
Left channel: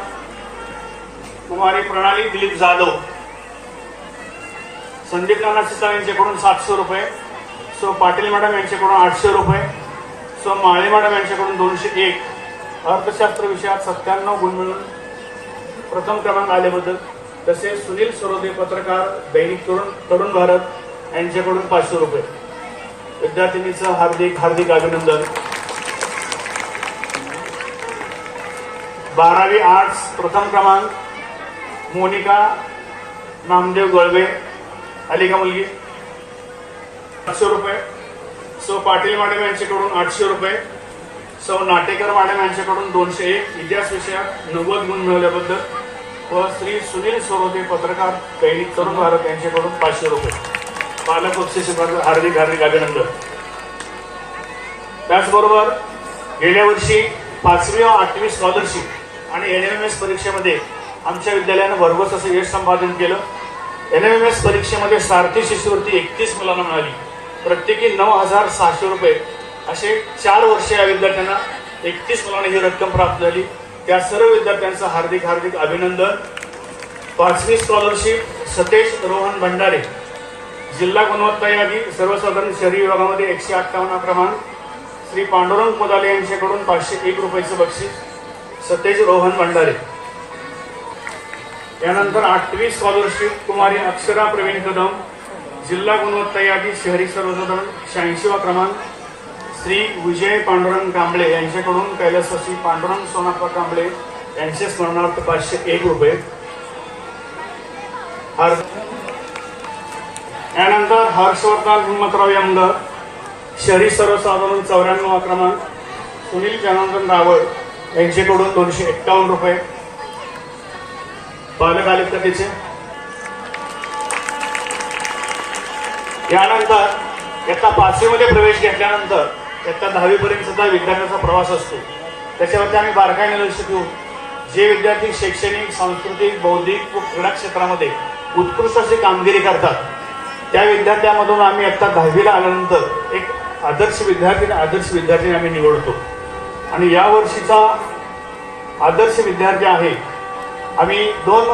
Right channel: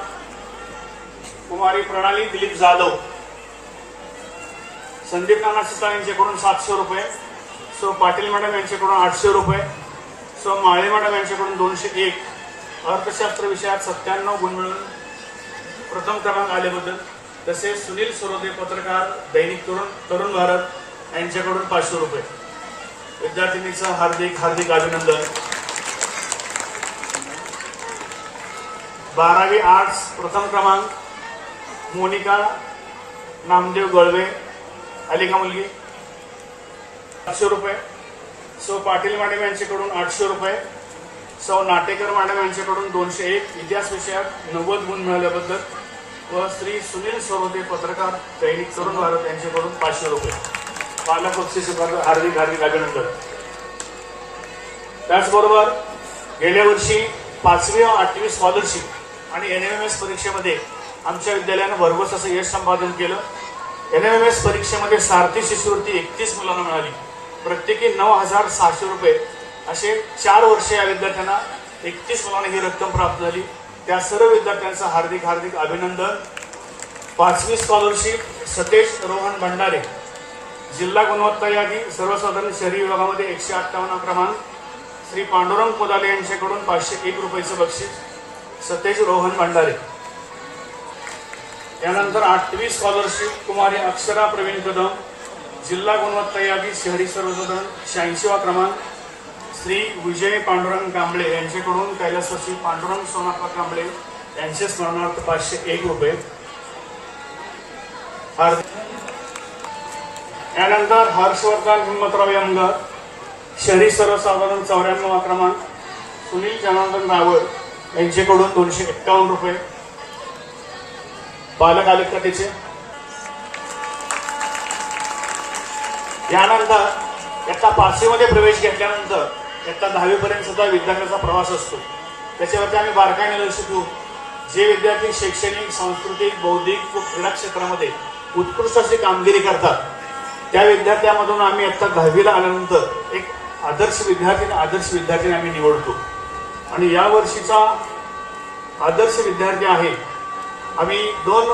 कुमारी प्रणाली दिलीप जाधव संदीप नाना सिसाळ यांच्याकडून 700 रुपये. सो पाटील मॅडम यांच्याकडून 800 रुपये. सो माळे मॅडम यांच्याकडून 201. अर्थशास्त्र विषयात 97 गुण मिळून प्रथम क्रमांक आल्याबद्दल तसेच सुनील सरोदे पत्रकार दैनिक तरुण भारत यांच्याकडून 500 रुपये. विद्यार्थिनीचं हार्दिक हार्दिक अभिनंदन. 12वी आर्ट्स प्रथम क्रमांक मोनिका नामदेव गळवे आली का मुलगी 500 रुपये, सौ पाटील मॅडम यांच्याकडून 800 रुपये, सौ नाटेकर मॅडम यांच्याकडून 201 इतिहास विषयात 90 गुण मिळवल्याबद्दल व श्री सुनील सरोदे पत्रकार दैनिक तरुण भारत यांच्याकडून 500 रुपये. पालक बक्षीस हार्दिक हार्दिक अभिनंदन. त्याचबरोबर गेल्या वर्षी 5वी व 8वी स्कॉलरशिप आणि NMMS परीक्षेमध्ये आमच्या विद्यालयानं भरघोस असं यश संपादन केलं. NMMS परीक्षेमध्ये सारथी शिष्यवृत्ती 31 मुलांना मिळाली. प्रत्येकी 9,600 रुपये असे 4 वर्षे या विद्यार्थ्यांना 31 मुलांना ही रक्कम प्राप्त झाली. त्या सर्व विद्यार्थ्यांचं हार्दिक हार्दिक अभिनंदन. 5वी स्कॉलरशिप सतेज रोहन भंडारे, जिल्हा गुणवत्ता यादी सर्वसाधारण शहरी विभागामध्ये 158 क्रमांक, श्री पांडुरंग कोदाले यांच्याकडून 501 रुपयाचं बक्षीस सतेज रोहन भंडारे. यानंतर 8वी स्कॉलरशिप कुमारी अक्षरा प्रवीण कदम, जिल्हा गुणवत्ता यादी शहरी सर्वसाधारण 86वा क्रमांक, श्री विजय पांडुरंग कांबळे यांच्याकडून कैलासवासी पांडुरंग सोनाप्पा कांबळे यांचे स्मरणार्थ 501 रुपये. यानंतर हर्षवर्धन हिम्मतराव यंग, शहरी सर्वसाधारण 94वा क्रमांक, सुनील जनार्दन रावळ यांच्याकडून 251 रुपये. पालक आले का त्याचे? यानंतर इयत्ता 5वी मध्ये प्रवेश घेतल्यानंतर इयत्ता 10वी पर्यंत सुद्धा विद्यार्थ्यांचा प्रवास असतो. त्याच्यावरती आम्ही बारकाईने लक्ष देऊ. जे विद्यार्थी शैक्षणिक, सांस्कृतिक, बौद्धिक व क्रीडा क्षेत्रामध्ये उत्कृष्ट अशी कामगिरी करतात त्या विद्यार्थ्यांमधून आम्ही इयत्ता 10वीला आल्यानंतर एक आदर्श विद्यार्थी आम्ही निवडतो. आणि या वर्षीचा आदर्श विद्यार्थी आहे. आम्ही 2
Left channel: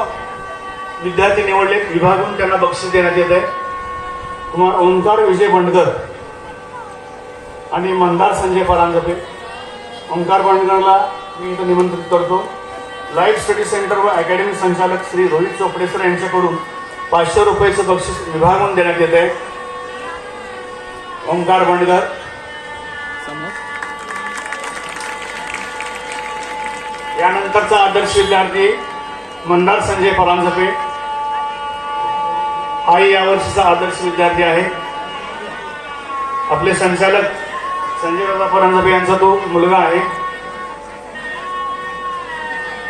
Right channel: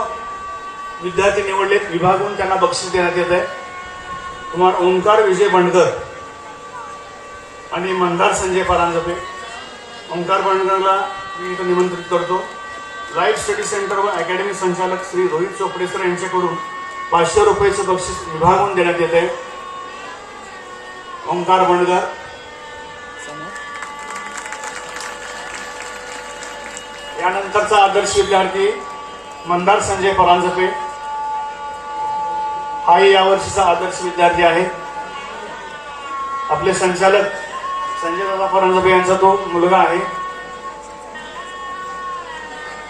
विद्यार्थी निवडले, विभागून त्यांना बक्षीस देण्यात येत आहे. कुमार ओंकार विजय बंडकर आणि मंदार संजय परांजपे. ओंकार बंडकरला मी इथं निमंत्रित करतो. लाईफ स्टडी सेंटर व अकॅडमी संचालक श्री रोहित चोपडे सर यांच्याकडून 500 रुपयाचं बक्षीस विभागून देण्यात येत आहे. ओंकार बंडकर. यानंतरचा आदर्श विद्यार्थी मंदार संजय परांजपे हाही यावर्षीचा आदर्श विद्यार्थी आहे. आपले संचालक संजय दादा परांजपे यांचा तो मुलगा आहे.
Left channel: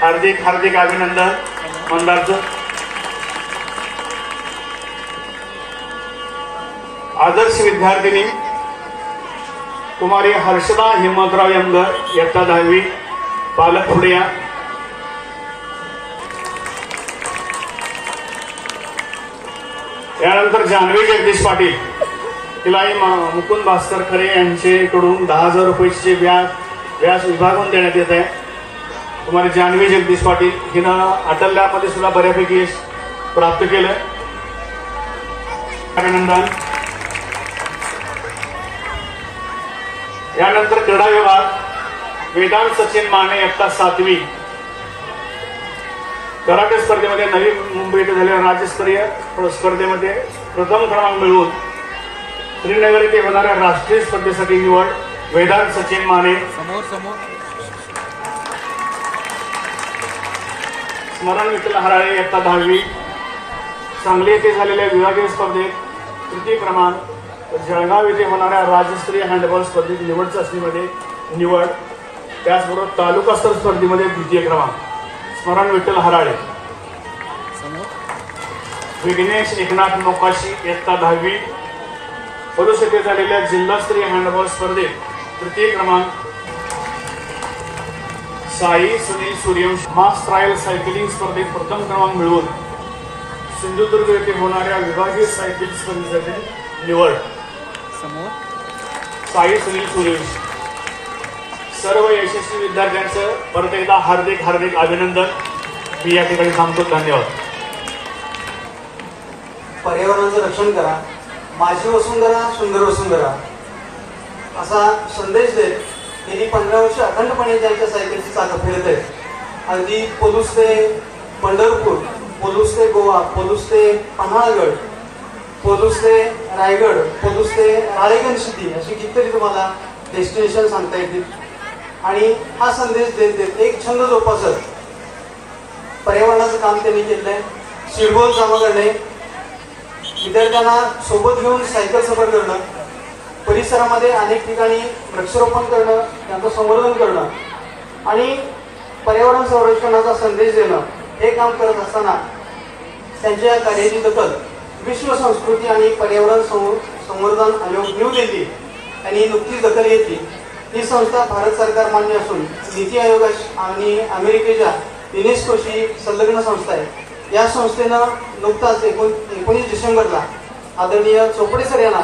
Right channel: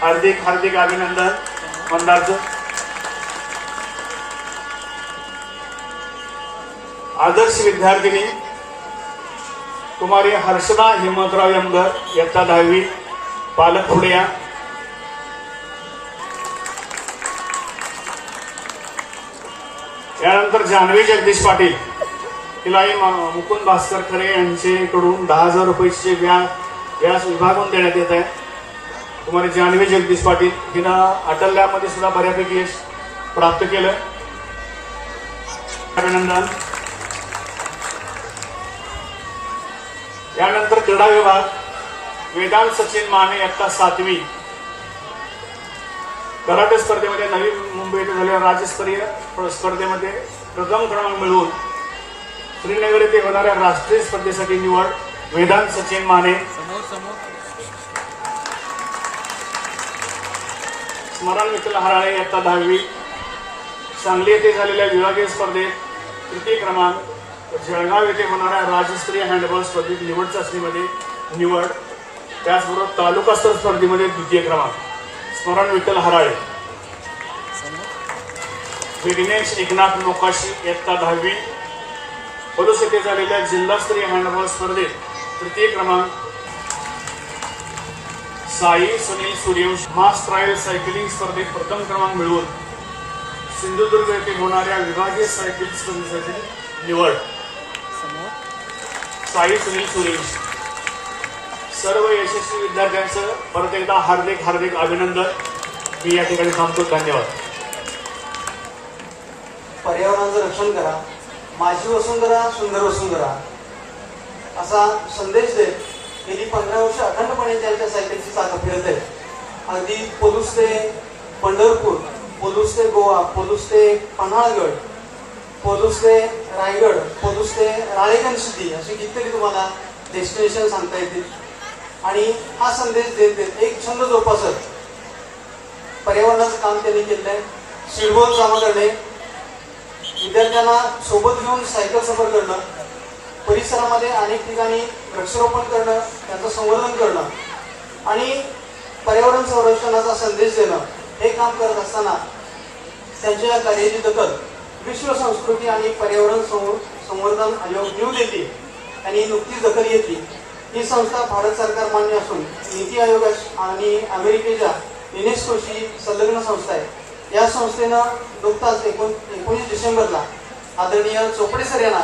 हार्दिक हार्दिक अभिनंदन मंदारचं. आदर्श विद्यार्थिनी कुमारी हर्षदा हिम्मतराव यंगर, इयत्ता 10वी. पालक पुढे या. यानंतर जान्हवी जगदीश पाटील, तिलाही मुकुंद भास्कर खरे यांच्याकडून 10,000 रुपयाचे व्यास विभागून देण्यात येत आहे. कुमारी जान्हवी जगदीश पाटील हिनं अटल लॅबमध्ये सुद्धा बऱ्यापैकी यश प्राप्त केलं. अभिनंदन. यानंतर क्रीडा विभाग वेदांत सचिन माने, इयत्ता 7वी. कराटे स्पर्धेमध्ये नवी मुंबई येथे झालेल्या राज्यस्तरीय स्पर्धेमध्ये प्रथम क्रमांक मिळवून श्रीनगर येथे होणाऱ्या राष्ट्रीय स्पर्धेसाठी निवड वेदांत सचिन माने. स्मरण विठ्ठल हराळे, इयत्ता 10वी. सांगली येथे झालेल्या विभागीय स्पर्धेत तृतीय क्रमांक. जळगाव येथे होणाऱ्या राज्यस्तरीय हँडबॉल स्पर्धेत निवड चाचणीमध्ये निवड. त्याचबरोबर तालुकास्तर स्पर्धेमध्ये द्वितीय क्रमांक. स्मरण विठ्ठल हराळे. विघ्नेश एकनाथ मोकाशी, इयत्ता 10वी. पलूस येथे झालेल्या जिल्हास्तरीय हँडबॉल स्पर्धेत तृतीय क्रमांक. साई सुनील सूर्यवंशी मास ट्रायल सायकलिंग स्पर्धेत प्रथम क्रमांक मिळवून सिंधुदुर्ग येथे होणाऱ्या विभागीय सायकल स्पर्धेसाठी निवड. साई सुनील सूर्यवंशी. सर्व यशस्वी विद्यार्थ्यांचं परत एकदा हार्दिक हार्दिक अभिनंदन. मी या ठिकाणी थांबतो. धन्यवाद. पर्यावरणाचं रक्षण करा, माझी वसुंधरा सुंदर वसुंधरा असा संदेश देत गेली 15 वर्ष अखंडपणे ज्यांच्या सायकलची चाकं फिरत आहेत. अगदी पोलूस ते पंढरपूर, पोलूस ते गोवा, पोलूस ते पन्हाळगड, पोलूस ते रायगड, पोलूस ते राळेगण सिटी अशी कितीतरी तुम्हाला डेस्टिनेशन सांगता येतील. आणि हा संदेश देत देत एक छंद जोपासत पर्यावरणाचं काम त्यांनी केलेलं आहे. सीडबॉल जमा करणे, विद्यार्थ्यांना सोबत घेऊन सायकल सफर करणं परिसरामध्ये अनेक ठिकाणी वृक्षारोपण करणं, त्यांचं संवर्धन करणं आणि पर्यावरण संरक्षणाचा संदेश देणं हे काम करत असताना त्यांच्या या कार्याची दखल विश्व संस्कृती आणि पर्यावरण संवर्धन आयोग न्यू दिल्ली यांनी नुकतीच दखल घेतली. ही संस्था भारत सरकार मान्य असून नीती आयोग आणि अमेरिकेच्या युनेस्कोशी संलग्न संस्था आहे. या संस्थेनं नुकताच 19 डिसेंबरला आदरणीय चोपडे सर यांना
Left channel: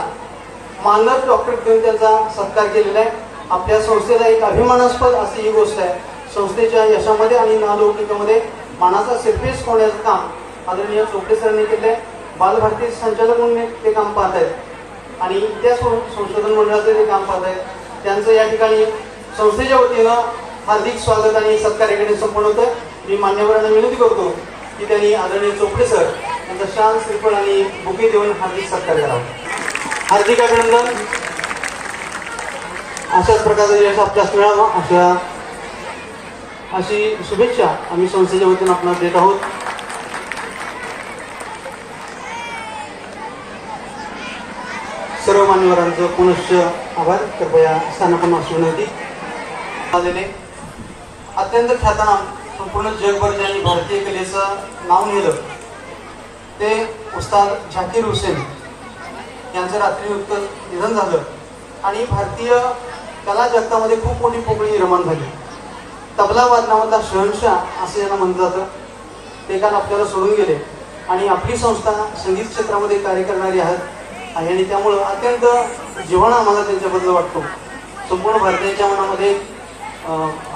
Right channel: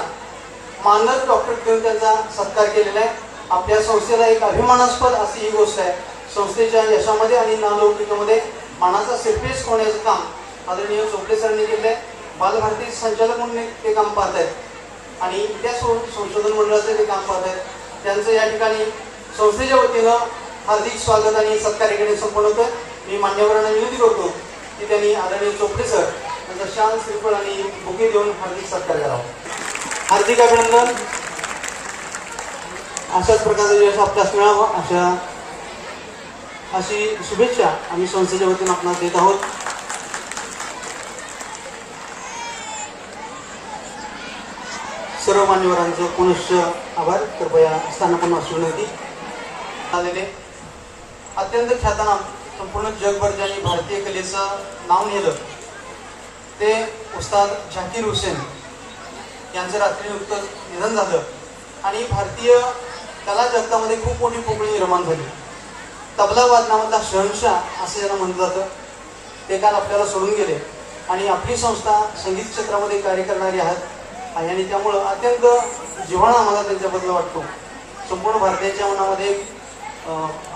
मानद डॉक्टरेट देऊन त्यांचा सत्कार केलेला आहे. आपल्या संस्थेला एक अभिमानास्पद अशी ही गोष्ट आहे. संस्थेच्या यशामध्ये आणि नावलौकिकामध्ये मानाचा सिरपेस होण्याचं काम आदरणीय चोपडे सरांनी केले आहे. बालभारती संचालक म्हणून ते काम पाहत आहेत आणि इतिहास संशोधन मंडळाचं ते काम पाहत आहेत. त्यांचं या ठिकाणी संस्थेच्या वतीनं हार्दिक स्वागत आणि सत्कार या ठिकाणी संपन्न होतं. मी मान्यवरांना विनंती करतो की त्यांनी आदरणीय चोपडे सर यांचा शाल, श्रीफळ आणि बुके देऊन हार्दिक सत्कार करावा. हार्दिक अभिनंदन. अशाच प्रकारचं यश आपल्यास मिळावं अशी शुभेच्छा आम्ही संस्थेच्या वतीनं आपणास देत आहोत. सर्व मान्यवरांचं पुनश्च आभार. कृपया स्थानापन्न अशी विनंती. अत्यंत ख्यातनाम संपूर्ण जगभर ज्यांनी भारतीय कलेचं नाव नेलं ते उस्ताद झाकीर हुसेन यांचं रात्री नुकतं निधन झालं आणि भारतीय कला जगतामध्ये खूप मोठी पोकळी निर्माण झाली. तबला वादनामधला शहनशाह असं ज्यांना म्हटलं जातं ते काल आपल्याला सोडून गेले आणि आपली संस्था संगीत क्षेत्रामध्ये कार्य करणारी आहे आणि त्यामुळं अत्यंत जिव्हाळा आम्हाला त्यांच्याबद्दल वाटतो. संपूर्ण भारताच्या मनामध्ये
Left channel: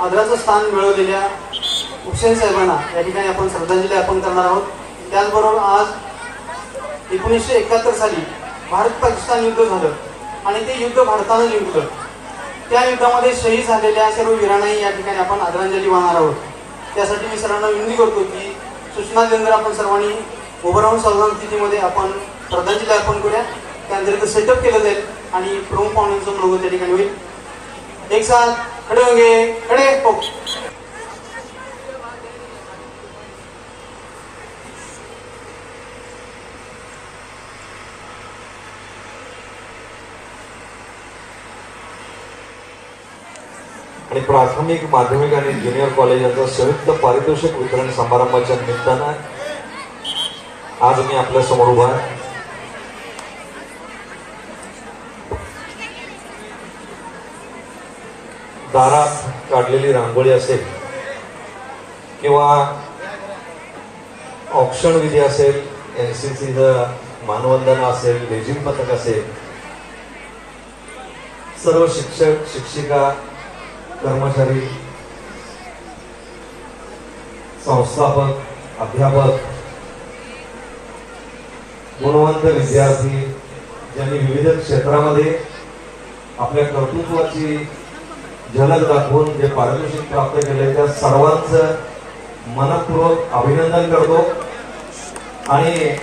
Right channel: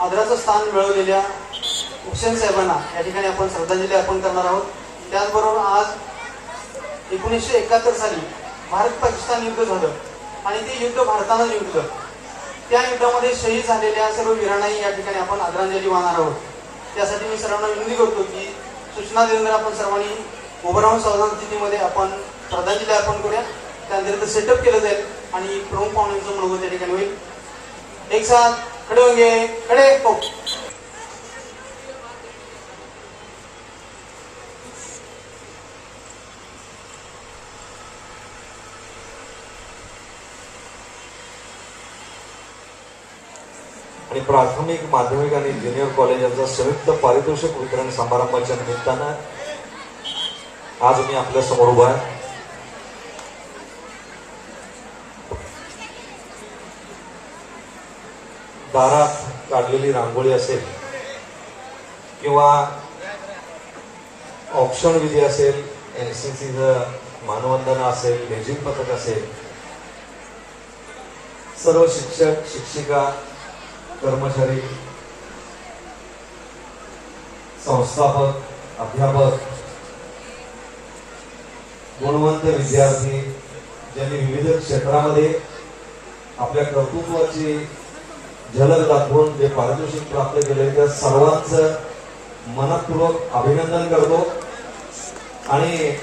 आदराचं स्थान मिळवलेल्या हुसेन साहेबांना या ठिकाणी आपण श्रद्धांजली अर्पण करणार आहोत. त्याचबरोबर आज 1971 साली भारत पाकिस्तान युद्ध झालं आणि ते युद्ध भारतानं जिंकलं. त्या युद्धामध्ये शहीद झालेल्या सर्व वीरांनाही या ठिकाणी आपण आदरांजली वाहणार आहोत. त्यासाठी मी सर्वांना विनंती करतो की सूचना दिल्यानंतर आपण सर्वांनी उभं राहून सावधान स्थितीमध्ये आपण श्रद्धांजली अर्पण करूया. त्यानंतर सेटअप केलं जाईल आणि प्रमुख पाहुण्यांचं लोगो त्या ठिकाणी होईल. एक साथ खडे होंगे, खडे हो. आणि प्राथमिक, माध्यमिक आणि ज्युनियर कॉलेजाचा संयुक्त पारितोषिक वितरण समारंभाच्या निमित्तानं आज मी आपल्या समोर उभा आहे. दारात काढलेली रांगोळी असेल किंवा औक्षण विधी असेल, एनसीसीचं मानवंदना असेल, लेझिम पथक असेल, सर्व शिक्षक, शिक्षिका, कर्मचारी, संस्थापक, अध्यापक, गुणवंत विद्यार्थी ज्यांनी विविध क्षेत्रामध्ये आपल्या कर्तृत्वाची झलक दाखवून जे पारितोषिक प्राप्त केले त्या सर्वांचं मनपूर्वक अभिनंदन करतो. आणि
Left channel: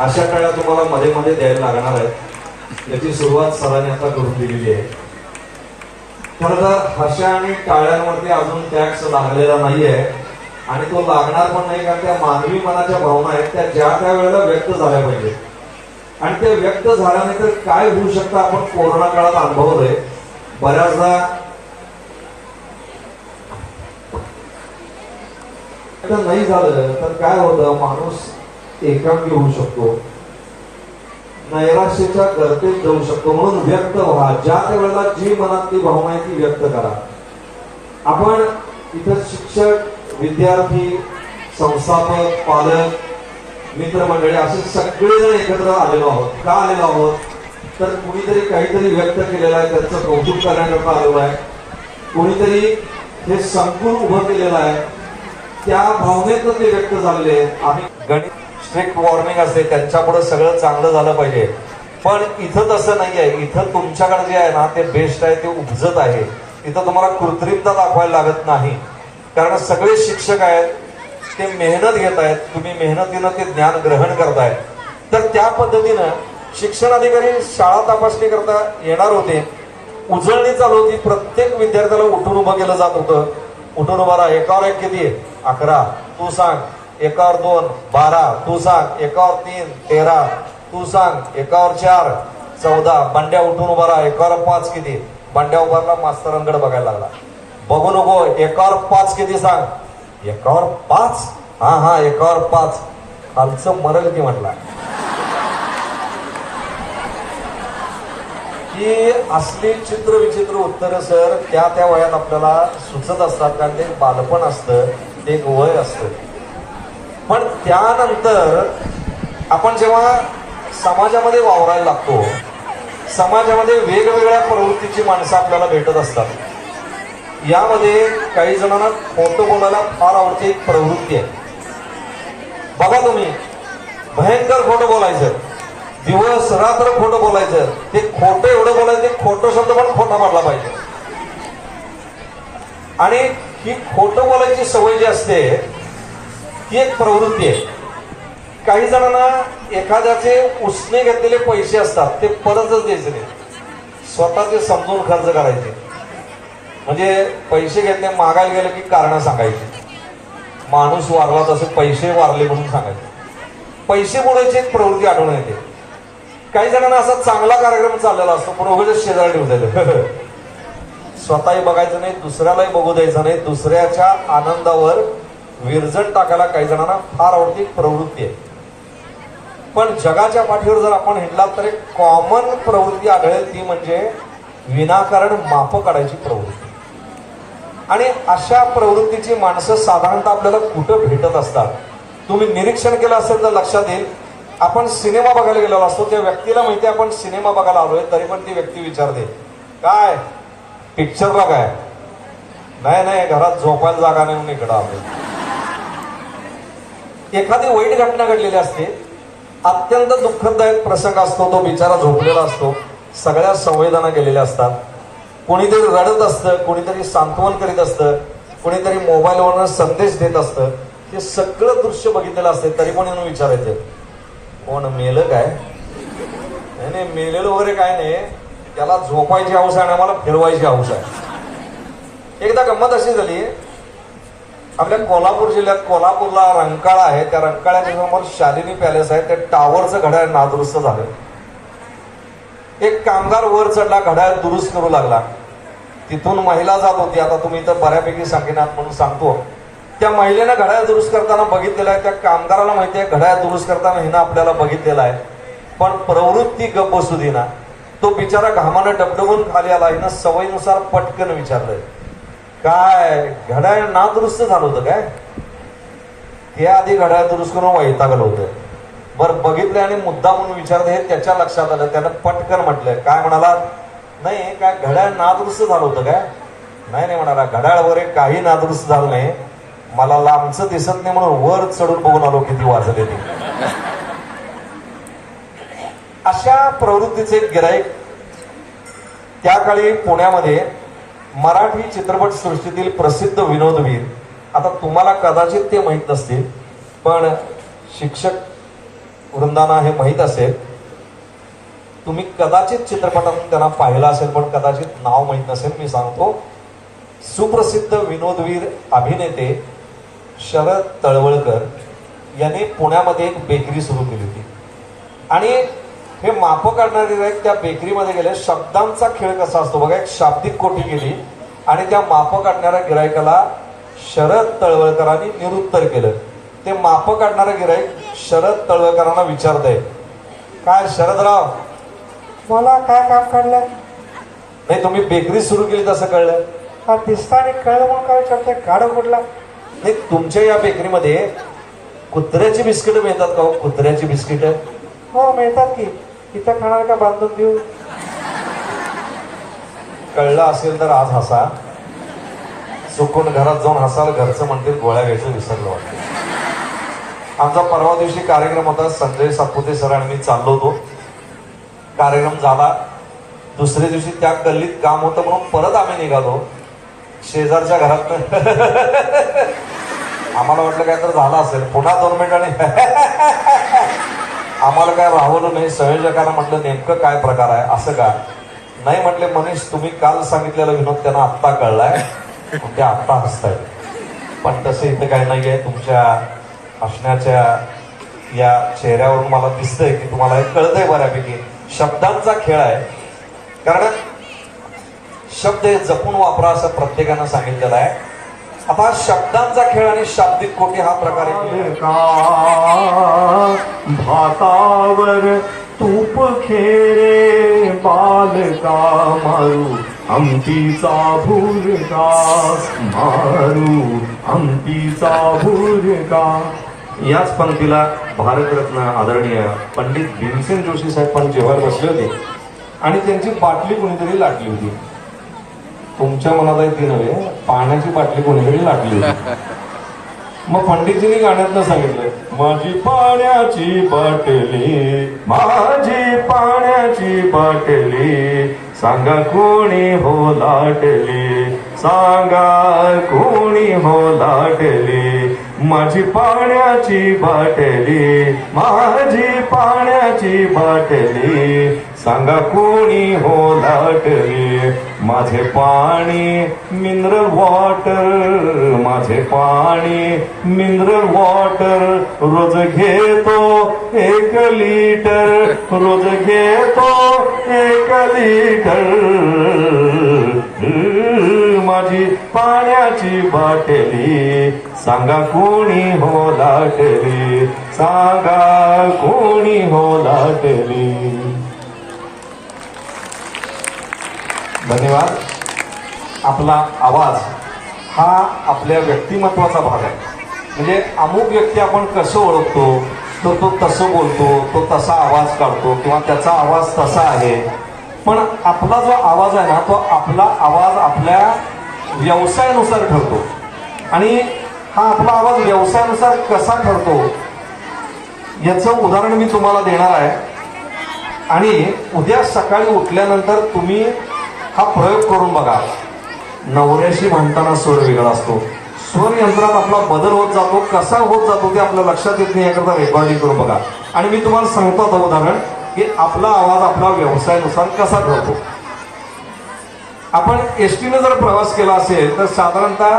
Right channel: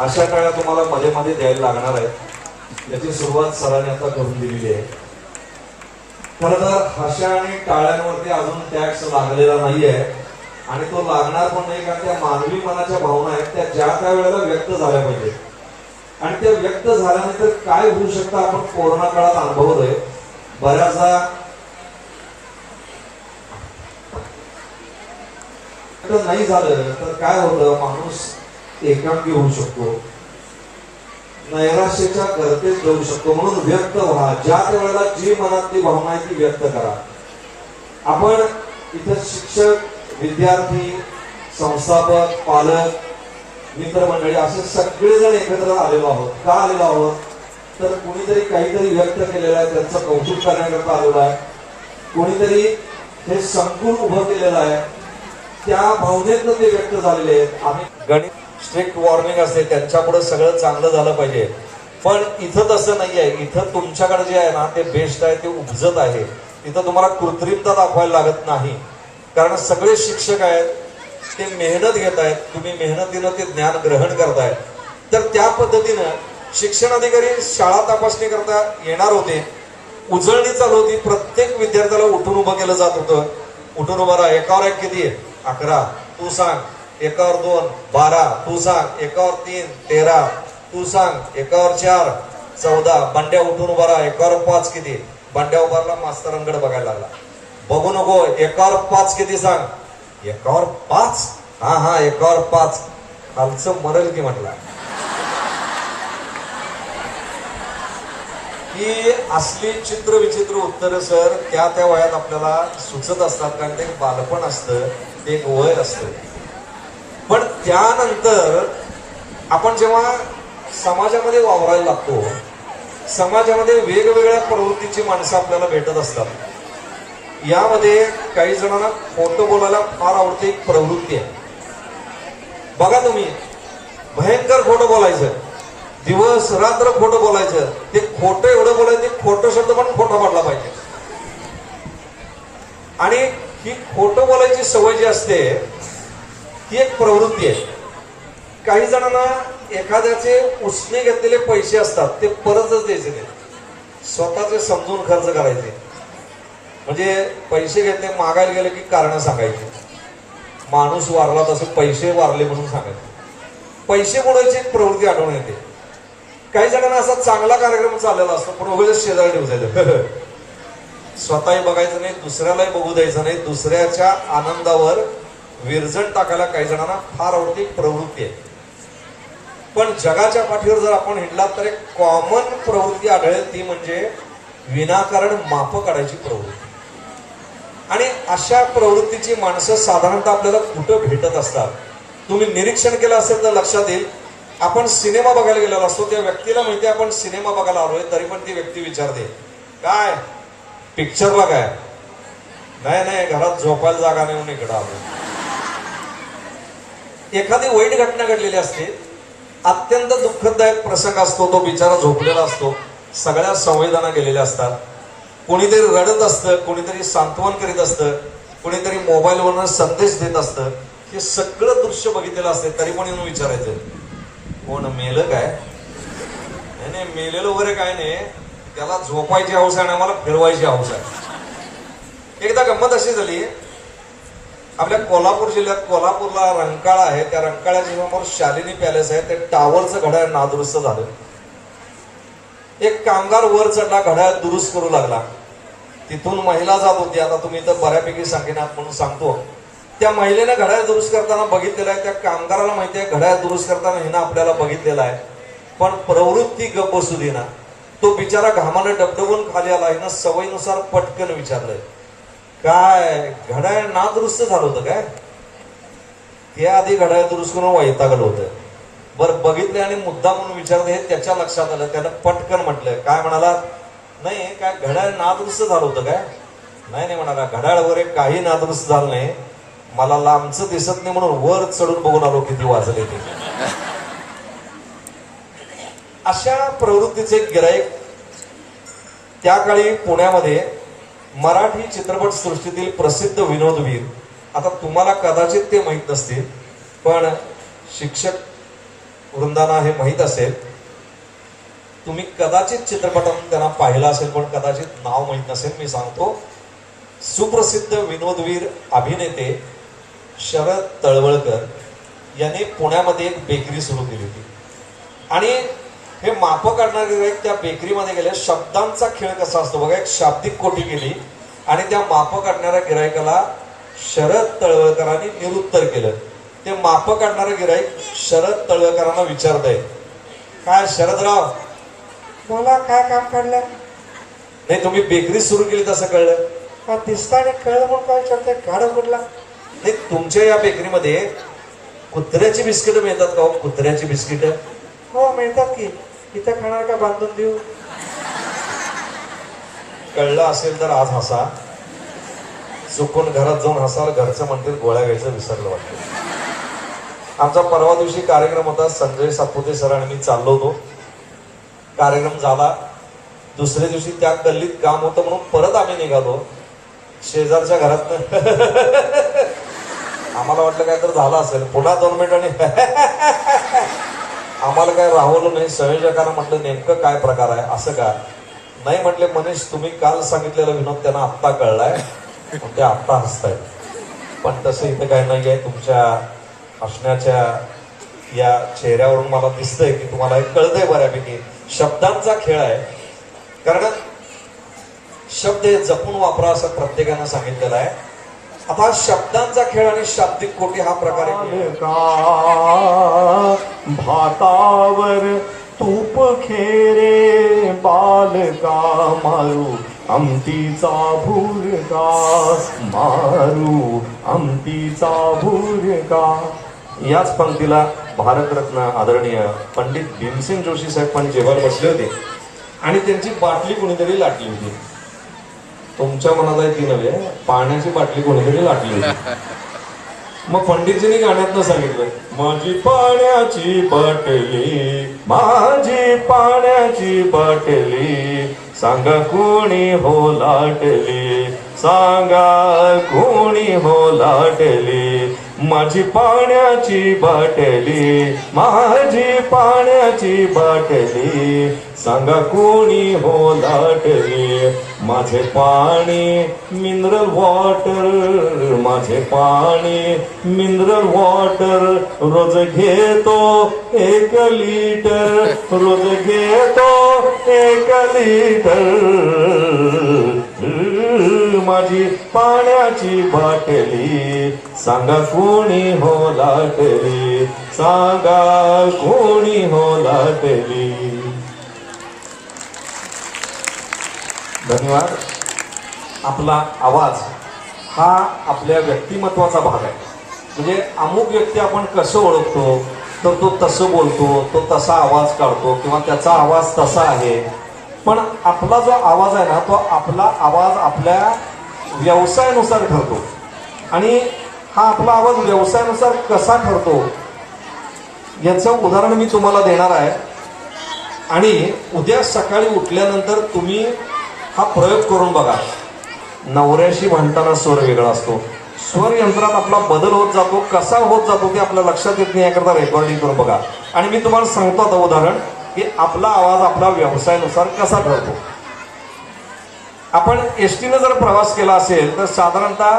अशा काळात तुम्हाला मध्ये मध्ये द्यायला लागणार आहे. याची सुरुवात सरांनी आता करून दिलेली आहे. खरं तर हर्षा आणि टाळ्यांवरती अजून टॅक्स लागलेला नाहीये आणि तो लागणार पण नाही, कारण त्या मानवी मनाच्या भावना आहेत त्या ज्या त्या वेळेला व्यक्त झाल्या पाहिजे आणि ते व्यक्त झाल्यानंतर काय होऊ शकतं आपण कोरोना काळात अनुभवलंय. बऱ्याचदा नाही झालं तर काय होतं, माणूस एकांकी होऊ शकतो, नैराश्याच्या गर्तेत जाऊ शकतो. म्हणून व्यक्त व्हा, ज्या त्या वेळेला जी मनात ती भावना आहे ती व्यक्त करा. आपण इथं शिक्षक, विद्यार्थी, संस्थापक, पालक, मित्रमंडळी असे सगळेजण एकत्र आलेलो आहोत. का आलेलो आहोत तर कोणीतरी काहीतरी व्यक्त केलेलं आहे, त्याचं कौतुक करण्याकरता आलेलो आहे. कोणीतरी हे संकुल उभं केलेलं आहे, त्या भावनेतनं ते व्यक्त झालेले आहेत. आम्ही गणित स्ट्रिक्ट वॉर्मिंग असते त्यांच्यापुढे सगळं चांगलं झालं पाहिजे, पण इथं तसं नाही आहे. इथं तुमच्याकडे जे आहे ना ते बेस्ट आहे, ते उपजत आहे. इथं तुम्हाला कृत्रिमता दाखवायला लागत नाही, कारण सगळे शिक्षक आहेत, ते मेहनत घेत आहेत, तुम्ही मेहनतीनं ते ज्ञान ग्रहण करतायत. तर त्या पद्धतीनं शिक्षण अधिकारी शाळा तपासणी करता येणार होते. उजळणी चालू होती, प्रत्येक विद्यार्थ्याला उठून उभं केलं जात होतं. उठून उभा राहा, एकावर एक किती 11 तू सांग, एकावर 2 12 तू सांग, एकावर 3 13 तू सांग, एकावर 4 14. बंड्या उठून उभा राहा, एकावर 5 किती? बंड्या उभारला, मास्तरांकडे बघायला लागला. बघू नको, एकावर 5 किती सांग? एकावर 5? हा एकावर 5. खालचं मरल की म्हटला. ही असली चित्र विचित्र उत्तर सर त्या वयात आपल्याला सुचत असतात, कारण ते बालपण असतं, ते एक वय असतं. पण त्यानंतर आपण जेव्हा समाजामध्ये वावरायला लागतो, समाजामध्ये वेगवेगळ्या प्रवृत्तीची माणसं आपल्याला भेटत असतात. यामध्ये काही जणांना खोटं बोलायला फार आवडते, एक प्रवृत्ती आहे. बघा तुम्ही, भयंकर खोटं बोलायचं, दिवस रात्र खोटं बोलायचं. ते खोटं एवढं बोलायचं, खोटं शब्द पण खोटा पडला पाहिजे. आणि ही खोटं बोलायची सवय जी असते ही एक प्रवृत्ती आहे. काही जणांना एखाद्याचे उसने घेतलेले पैसे असतात, ते परतच द्यायचे नाही, स्वतःचे समजून खर्च करायचे. म्हणजे पैसे घेतले, मागायला गेले की कारण सांगायची. माणूस वारला तसे पैसे वारले म्हणून सांगायचे. पैसे बोलायची एक प्रवृत्ती आढळून येते. काही जणांना असा चांगला कार्यक्रम चाललेला असतो, पण उगाच शेजारी ठेवायचं, स्वतःही बघायचं नाही, दुसऱ्यालाही बघू द्यायचं नाही. दुसऱ्याच्या आनंदावर विरजण टाकायला काही जणांना फार आवडती प्रवृत्ती आहे. पण जगाच्या पाठीवर जर आपण हिंडला तर एक कॉमन प्रवृत्ती आढळेल, ती म्हणजे विनाकारण माप काढायची प्रवृत्ती. आणि अशा प्रवृत्तीची माणसं साधारणतः आपल्याला कुठं भेटत असतात? तुम्ही निरीक्षण केलं असेल तर लक्षात येईल. आपण सिनेमा बघायला गेलेलो असतो, त्या व्यक्तीला माहिती आपण सिनेमा बघायला आलोय, तरी पण ती व्यक्ती विचारते, काय पिक्चर बघाय? नाही, घरात झोपायला जागा नाही म्हणून इकडं आलो. एखादी वाईट घटना घडलेली असते, अत्यंत दुःखदायक प्रसंग असतो, तो बिचारा झोपलेला असतो, सगळ्या संवेदना गेलेल्या असतात. कोणीतरी रडत असतं, कोणीतरी सांत्वन करीत असतं, कोणीतरी मोबाईलवरनं संदेश देत असतं. हे सगळं दृश्य बघितलेलं असते, तरी पण येऊन विचारायचं, कोण मेलं काय? नाही, मेलेलं वगैरे काय नाही, त्याला झोपायची हौस आहे आणि आम्हाला फिरवायची हौस आहे. एकदा गंमत अशी झाली, आपल्या कोल्हापूर जिल्ह्यात कोल्हापूरला रंकाळा आहे, त्या रंकाळ्याच्या समोर शालिनी पॅलेस आहे, त्या टावरचं घड्याळ नादुरुस्त झालं. एक कामगार वर चढला, घड्याळ दुरुस्त करू लागला. तिथून महिला जात होती. आता तुम्ही तर बऱ्यापैकी सांगितलं म्हणून सांगतो, त्या महिलेनं घड्याळ दुरुस्त करताना बघितलेला आहे. त्या कामगाराला माहिती आहे घड्याळ दुरुस्त करताना हिनं आपल्याला बघितलेला आहे, पण प्रवृत्ती गप्प बसू देना. तो बिचारा घामानं डबडबून खाली आला. हिनं सवयीनुसार पटकन विचारलं, काय घड्याळ नादुरुस्त झालं होतं काय? हे आधी घड्याळ दुरुस्त करून वैतागलं होतं. बरं बघितलं आणि मुद्दा म्हणून विचारलं, हे त्याच्या लक्षात आलं. त्यानं पटकन म्हटलं, काय म्हणाला? नाही, काय घड्याळ नादुरुस्त झालं होतं काय? नाही म्हणाला, घड्याळ वगैरे काही नादुरुस्त झालं नाही, मला लांबचं दिसत नाही म्हणून वर चढून बघून आलो किती वाजले ते. अशा प्रवृत्तीचे गिराईक त्या काळी पुण्यामध्ये मराठी चित्रपट सृष्टीतील प्रसिद्ध विनोदवीर, आता तुम्हाला कदाचित ते माहीत नसतील, पण शिक्षक वृंदांना हे माहीत असेल. तुम्ही कदाचित चित्रपटात त्यांना पाहिलं असेल, पण कदाचित नाव माहीत नसेल. मी सांगतो, सुप्रसिद्ध विनोदवीर अभिनेते शरद तळवळकर यांनी पुण्यामध्ये एक बेकरी सुरू केली होती. आणि हे माप काढणारे गिराईक त्या बेकरीमध्ये गेले. शब्दांचा खेळ कसा असतो बघा, एक शाब्दिक कोटी केली आणि त्या माप काढणाऱ्या गिरायकाला शरद तळवळकरांनी निरुत्तर केलं. ते माप काढणारं गिराईक शरद तळवळकरांना विचारतंय, काय शरदराव, मला काय काम काढलं? नाही, तुम्ही बेकरी सुरू केली तसं कळलं हा दिसतं आणि कळलं म्हणून काय विचारते? गाडं कुठला? नाही, तुमच्या या बेकरीमध्ये कुत्र्याची बिस्किट मिळतात का हो? कुत्र्याची बिस्किट? हो मिळतात की. इथं खाणार का बांधून देऊ? कळलं असेल तर आज हसा, चुकून घरात जाऊन हसाल, घरचं म्हणतील गोळ्या घ्यायचं विसरलं वाटतं. आमचा परवा दिवशी कार्यक्रम होता, संजय सातपुते सर आणि मी चाललो होतो. कार्यक्रम झाला, दुसऱ्या दिवशी त्या गल्लीत काम होतं म्हणून परत आम्ही निघालो. शेजारच्या घरातनं आम्हाला वाटलं काय तर झालं असेल. पुन्हा 2 मिनिटांनी आम्हाला काय राहवलं नाही. संयोजकांना म्हटलं, नेमकं काय प्रकार आहे, असं का? नाही म्हटले, मनीष तुम्ही काल सांगितलेला विनोद त्यांना आत्ता कळलाय, ते आत्ता हसताय. पण तसं इथं काय नाहीये. तुमच्या असण्याच्या या चेहऱ्यावरून मला दिसतंय की तुम्हाला हे कळतंय बऱ्यापैकी शब्दांचा खेळ आहे. कारण शब्द हे जपून वापरा असं प्रत्येकानं सांगितलेलं आहे. आता शब्दांचा खेळ आणि शाब्दिक कोटी हा प्रकार आहे. भातावर तूप खेरे बालका मारू आमटीचा भुरका मारू आमटीचा भुरका. याच पंक्तीला भारतरत्न आदरणीय पंडित भीमसेन जोशी साहेब पण जेव्हा बसले होते आणि त्यांची बाटली कोणीतरी लाटली होती. तुमच्या मनात आहे ती नव्हे, पाण्याची बाटली कोणीतरी लाटली होती. मग पंडितजींनी गाण्यातनं सांगितलं, माझी पाण्याची बाटली माझी पाण्याची बाटली सांगा कोणी हो लाटली सांगा कोणी हो लाटली माझी पाण्याची बाटली माझी पाण्याची बाटली सांगा कोणी हो लाटली. माझे पाणी मिनरल वॉटर माझे पाणी मिनरल वॉटर रोज घेतो 1 लिटर रोज घेतो 1 लिटर. माझी पाण्याची बाटली सांगा कोणी हो लाटली सांगा कोणी हो लाटली. धन्यवाद. आपला आवाज हा आपल्या व्यक्तिमत्वाचा भाग आहे. म्हणजे अमुक व्यक्ती आपण कसं ओळखतो तर तो तसं बोलतो तो तसा आवाज काढतो किंवा त्याचा आवाज तसा आहे. पण आपला जो आवाज आहे ना तो आपला आवाज आपल्या व्यवसायानुसार ठरतो. आणि हा आपला आवाज व्यवसायानुसार कसा ठरतो याचं उदाहरण मी तुम्हाला देणार आहे. आणि उद्या सकाळी उठल्यानंतर तुम्ही हा प्रयोग करून बघा. नवऱ्याशी म्हणताना स्वर वेगळा असतो. स्वर यंत्रात आपला बदल होत जातो. कसा होत जातो ते आपल्या लक्षात येत नाही. याकरता रेकॉर्डिंग करून बघा. आणि मी तुम्हाला सांगतो आता उदाहरण की आपला आवाज आपला व्यवसायानुसार कसा ठरतो. आपण एसटीने जर प्रवास केला असेल तर साधारणतः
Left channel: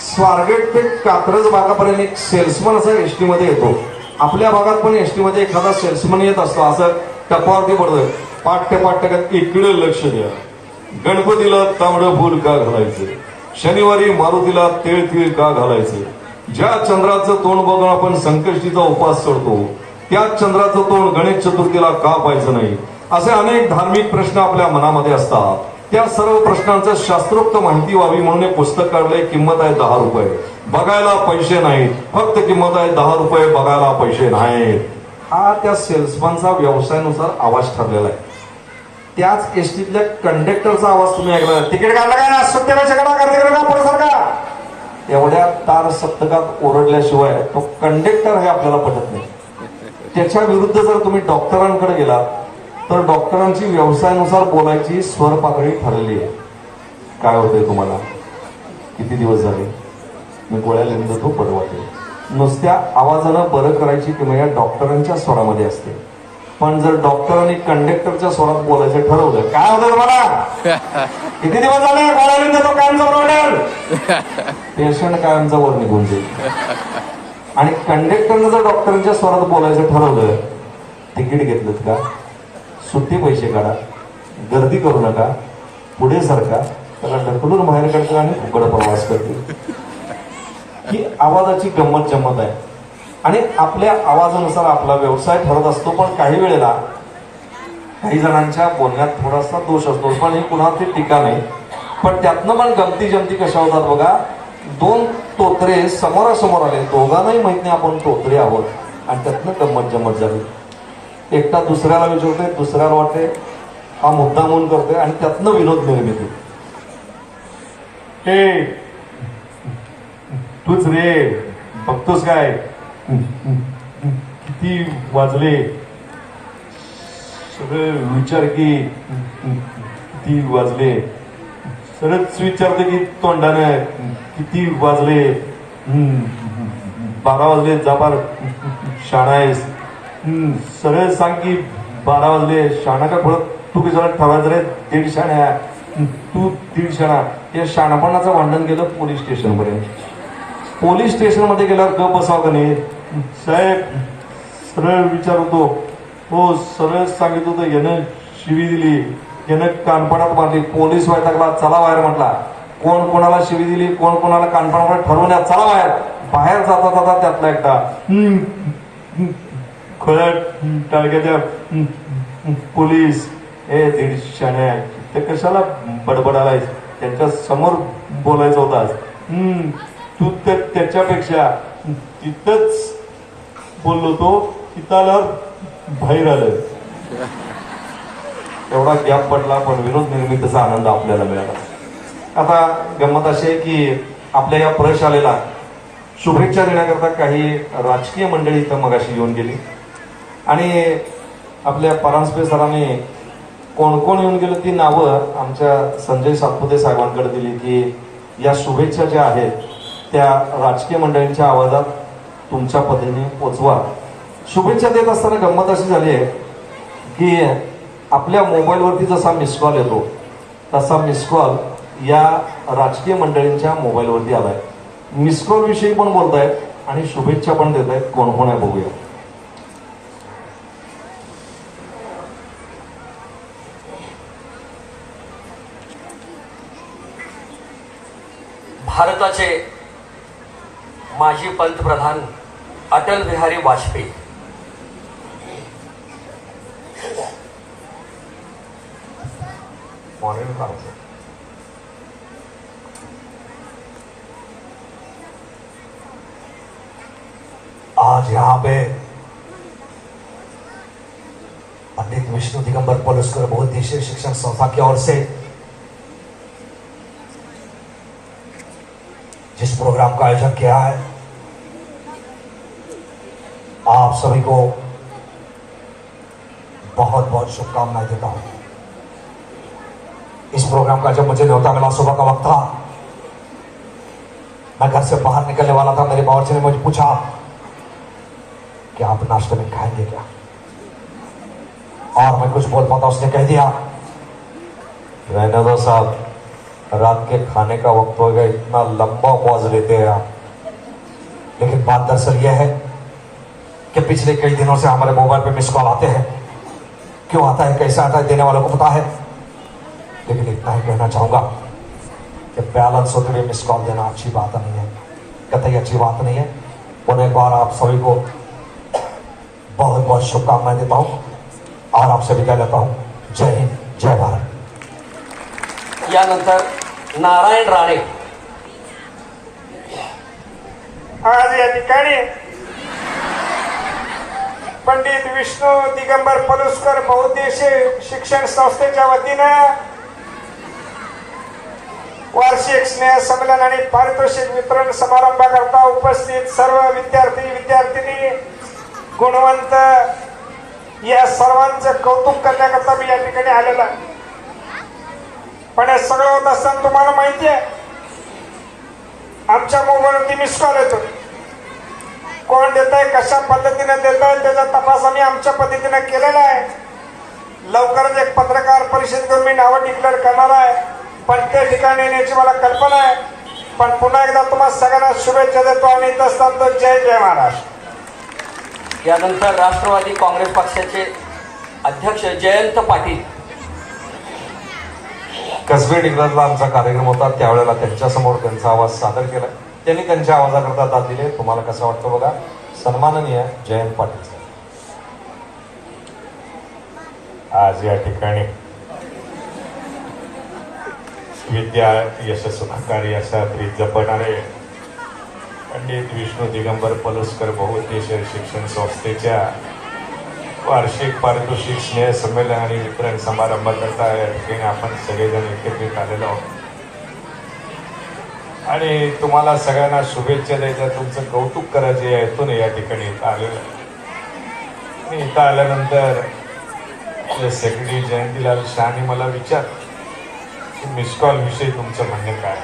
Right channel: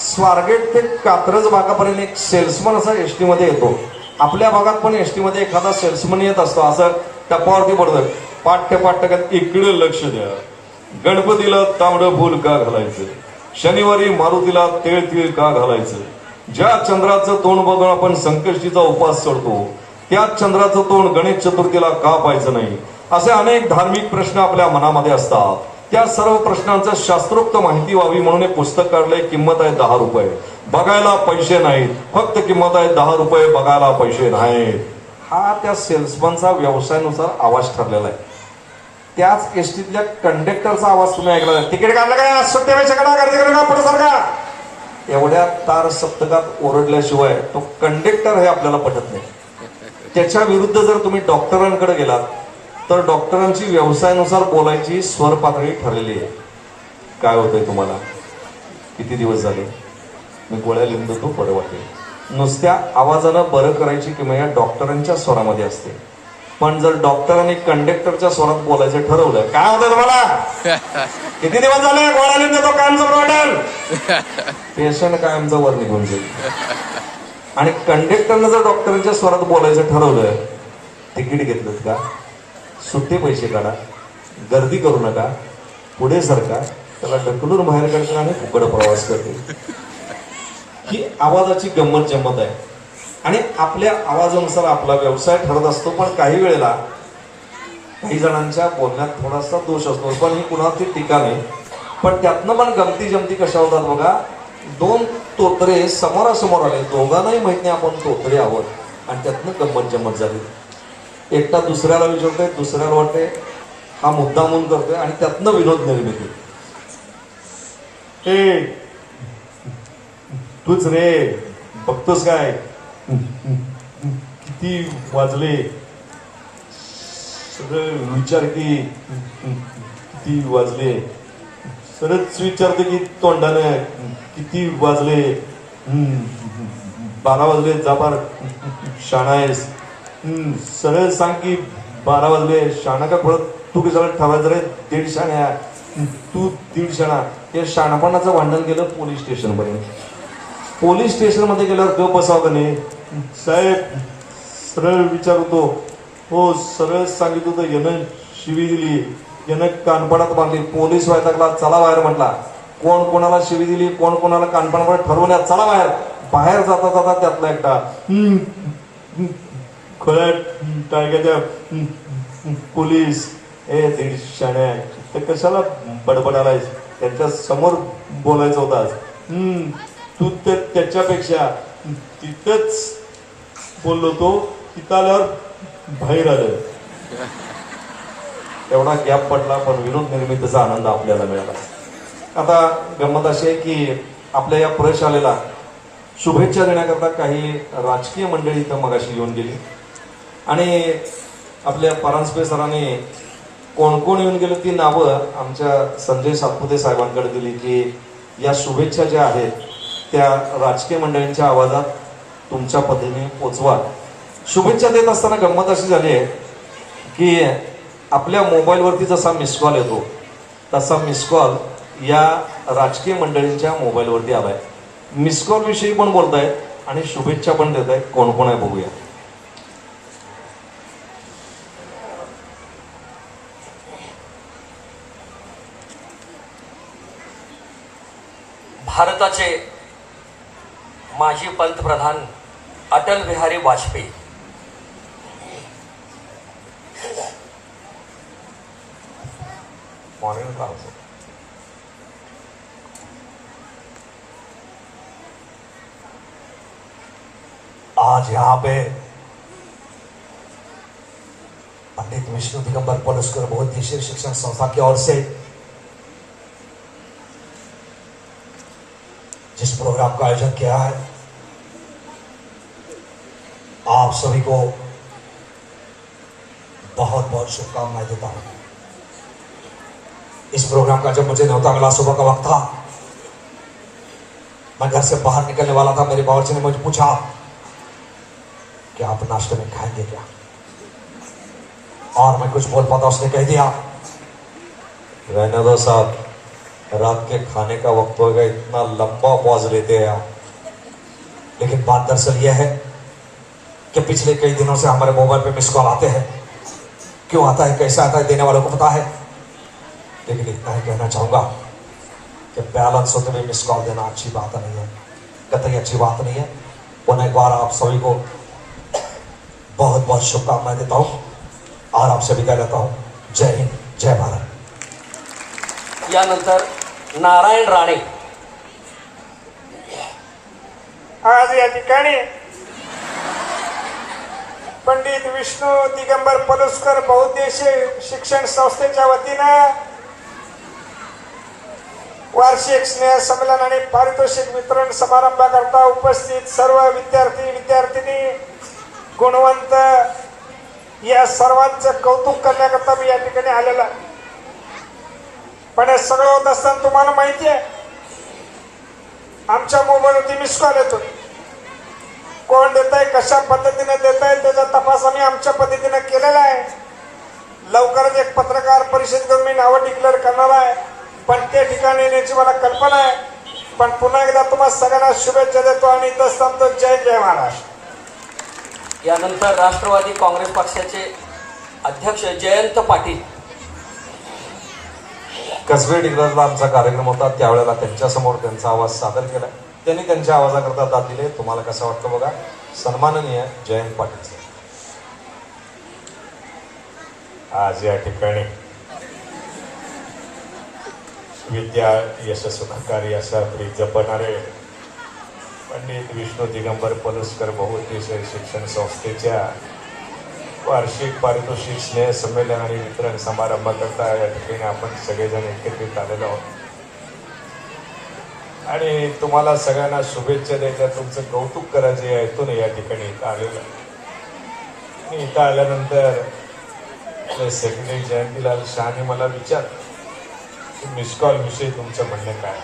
स्वारगेट ते कात्रज भागापर्यंत एक सेल्समन असा एसटी मध्ये येतो. आपल्या भागात पण एसटी मध्ये एखादा सेल्समन येत असतो. असं टपावरती पडतं पाठ्य इकडे लक्ष द्या. गणपतीला तांबडं फुल का घालायचं शनिवारी मारुतीला तेळ तीळ का घालायचं. ज्या चंद्राचं तोंड बघून आपण संकष्टीचा उपास करतो त्याच चंद्राचं तोंड गणेश चतुर्थीला का पाहायचं नाही. असे अनेक धार्मिक प्रश्न आपल्या मनामध्ये असतात. त्या सर्व प्रश्नांचं शास्त्रोक्त माहिती व्हावी म्हणून एक पुस्तक काढलंय. किंमत आहे 10 रुपये. बघायला पैसे नाहीत. फक्त किंमत आहे 10 रुपये. बघायला पैसे नाहीत. हा त्या सेल्समनचा व्यवसायानुसार आवाज ठरलेला आहे. त्याच एसटीतल्या कंडक्टरचा आवाज तुम्ही ऐकला. तिकीट काढलं का सुट्टीला एवढ्या तार सप्तकात ओरडल्याशिवाय तो कंडक्टर हे आपल्याला पटत नाही. त्याच्या विरुद्ध जर तुम्ही डॉक्टरांकडे गेला तर डॉक्टरांची व्यवसायानुसार बोलायची स्वर पातळी ठरलेली आहे. काय होतंय तुम्हाला किती दिवस झाले मी गोळ्या लिहितो तो बरं वाटेल. नुसत्या आवाजानं बरं करायची किंवा या डॉक्टरांच्या स्वरामध्ये असते. पण जर डॉक्टरांनी कंडक्टरच्या स्वरात बोलायचं ठरवलं काय होतं मला किती दिवस झाले गोळ्या लिहितो कायमचा वाटेल पेशंट कायमचा वर निघून जाईल. आणि कंडक्टरनं जर डॉक्टरांच्या स्वरात बोलायचं ठरवलं तिकीट घेतलं का सुट्टे पैसे काढा गर्दी करू नका पुढे सरका त्याला ढकलून बाहेर काढता आणि फुकट प्रवास करते. ही आवाजाची गंमत जम्मत आहे. आणि आपल्या आवाजानुसार आपला व्यवसाय ठरत असतो. पण काही वेळेला काही जणांच्या बोलण्यात थोडासा दोष असतो. पण ही कुणाची टीका नाही. पण त्यातनं पण गमती जमती कशा होतात बघा. 2 तोत्रे समोरासमोर आले. दोघांनाही माहित नाही आपण तोत्रे आहोत आणि त्यातनं गंमत जम्मत झाली. एकटा दुसऱ्याला विचारतोय दुसऱ्याला वाटते हा मुद्दा म्हणून करतोय आणि त्यातनं विरोध निर्मिती. तूच रे बघतोस काय किती वाजले सगळं विचार की किती वाजले. सरच विचारते की तोंडाने किती वाजले. 12 वाजले जाबार शाणा आहेस. सरळ सांग की 12 वाजले शाणा का फरक तू की सगळं ठेवायचं रे 1.5 शाण्या तू 1.5 शाणा. या शाणापणाचं भांडण गेलं पोलीस स्टेशन पर्यंत. पोलीस स्टेशन मध्ये गेल्यावर गप बसावं का नाही सरळ विचारतो. हो सरळ सांगित होतं, यानं शिवी दिली, यानं कानपणात मारली, पोलीस वैतागला, चला बाहेर म्हटला. कोण कोणाला शिवी दिली, कोण कोणाला कानपणात ठरवून चला बाहेर. बाहेर जाता जाता त्यातला एकटा खोळ्या टाळक्याच्या पोलीस, हे दीडशाने ते कशाला बडबडालायस, त्यांच्या समोर बोलायचं होतं आज. तू तर त्याच्यापेक्षा तिथंच बोललो तो, तिथं आल्यावर बाहेर आलं. एवढा गॅप पडला, पण विनोद निर्मितीचा आनंद आपल्याला मिळाला. आता गंमत अशी आहे की आपल्या या प्रशालेला शुभेच्छा देण्याकरता काही राजकीय मंडळी इथं मगाशी येऊन गेली आणि आपल्या परांजपे सरांनी कोण कोण येऊन गेलं ती नावं आमच्या संजय सातपुते साहेबांकडे दिली की या शुभेच्छा ज्या आहेत त्या राजकीय मंडळींच्या आवाजात तुमच्या पद्धतीने पोचवा. शुभेच्छा देत असताना गंमत अशी झाली आहे की आपल्या मोबाईलवरती जसा मिस कॉल येतो तसा मिस कॉल या राजकीय मंडळींच्या मोबाईलवरती आलाय. मिस कॉल विषयी पण बोलतायत आणि शुभेच्छा पण देत आहेत. कोण कोण आहे बघूया. भारताचे माजी पंतप्रधान अटल बिहारी वाजपेयी आज यहाँ पे पंडित विष्णु दिगंबर पलुस्कर बहुउद्देशीय शिक्षण संस्था की ओर से जिस प्रोग्राम का आयोजन किया है, आप सभी को बहुत बहुत शुभकामनाएं देता हूं. इस प्रोग्राम का जब मुझे न्योता मिला, सुबह का वक्त था, मैं घर से बाहर निकलने वाला था. मेरे बावर्ची ने मुझे पूछा कि आप नाश्ते में खाएंगे क्या, और मैं कुछ बोल पाता. उसने कह दिया, रहने दो साहब, रात के खाने का वक्त हो गया, इतना लंबा पॉज लेते हैं आप. लेकिन बात दरअसल यह है कि पिछले कई दिनों से हमारे मोबाइल पे मिस कॉल आते हैं. क्यों आता है, कैसे आता है, देने वालों को पता है. लेकिन इतना ही कहना चाहूंगा कि बैलेंस होते हुए मिस कॉल देना अच्छी बात नहीं है, कतई अच्छी बात नहीं है. उन्हें एक बार आप सभी को बहुत बहुत शुभकामनाएं देता हूं और आपसे विदा लेता हूं. जय हिंद, जय भारत. यानंतर नारायण राणे. आज या ठिकाणी पंडित विष्णू दिगंबर पलुस्कर बहुउद्देशीय शिक्षण संस्थेच्या वतीनं वार्षिक स्नेह संमेलन आणि पारितोषिक वितरण समारंभाकरता उपस्थित सर्व विद्यार्थी विद्यार्थिनी गुणवंत या सर्वांचं कौतुक करण्याकरता मी या ठिकाणी आलेलो आहे. पण हे सगळं होत असताना तुम्हाला माहिती आहे, आमच्या मोबाईलवरती मिस कॉल येतो. कोण देत आहे, कशा पद्धतीने देत आहे, त्याचा तपास आम्ही आमच्या पद्धतीने केलेला आहे. लवकरच एक पत्रकार परिषद करून मी नावं डिक्लेअर करणार आहे, पण त्या ठिकाणी येण्याची मला कल्पना आहे. पण पुन्हा एकदा तुम्हाला सगळ्यांना शुभेच्छा देतो आणि इथं असताना जय जय महाराष्ट्र. यानंतर राष्ट्रवादी काँग्रेस पक्षाचे अध्यक्ष जयंत पाटील. कसबे डिग्रजला आमचा कार्यक्रम होता, त्यावेळेला त्यांच्यासमोर त्यांचा आवाज सादर केला. त्यांनी त्यांच्या आवाजाकरता दाद दिले. तुम्हाला कसं वाटतं बघा. सन्माननीय जयंत पाटील. आज या ठिकाणी विद्या यश सुखकारी असा तरी जपणारे पंडित विष्णू दिगंबर पलुस्कर बहुउद्देशीय शिक्षण संस्थेच्या वार्षिक पारितोषिक स्नेह संमेलन आणि वितरण समारंभ करता या ठिकाणी आपण सगळेजण एकत्रित आलेलो आहोत आणि तुम्हाला सगळ्यांना शुभेच्छा द्यायच्या, तुमचं कौतुक करायचे हेतून या ठिकाणी इथं आलेलो. आणि इथं आल्यानंतर सेक्रेटरी जयंतीलाल शहानी मला विचार मिस कॉल विषयी तुमचं म्हणणं काय.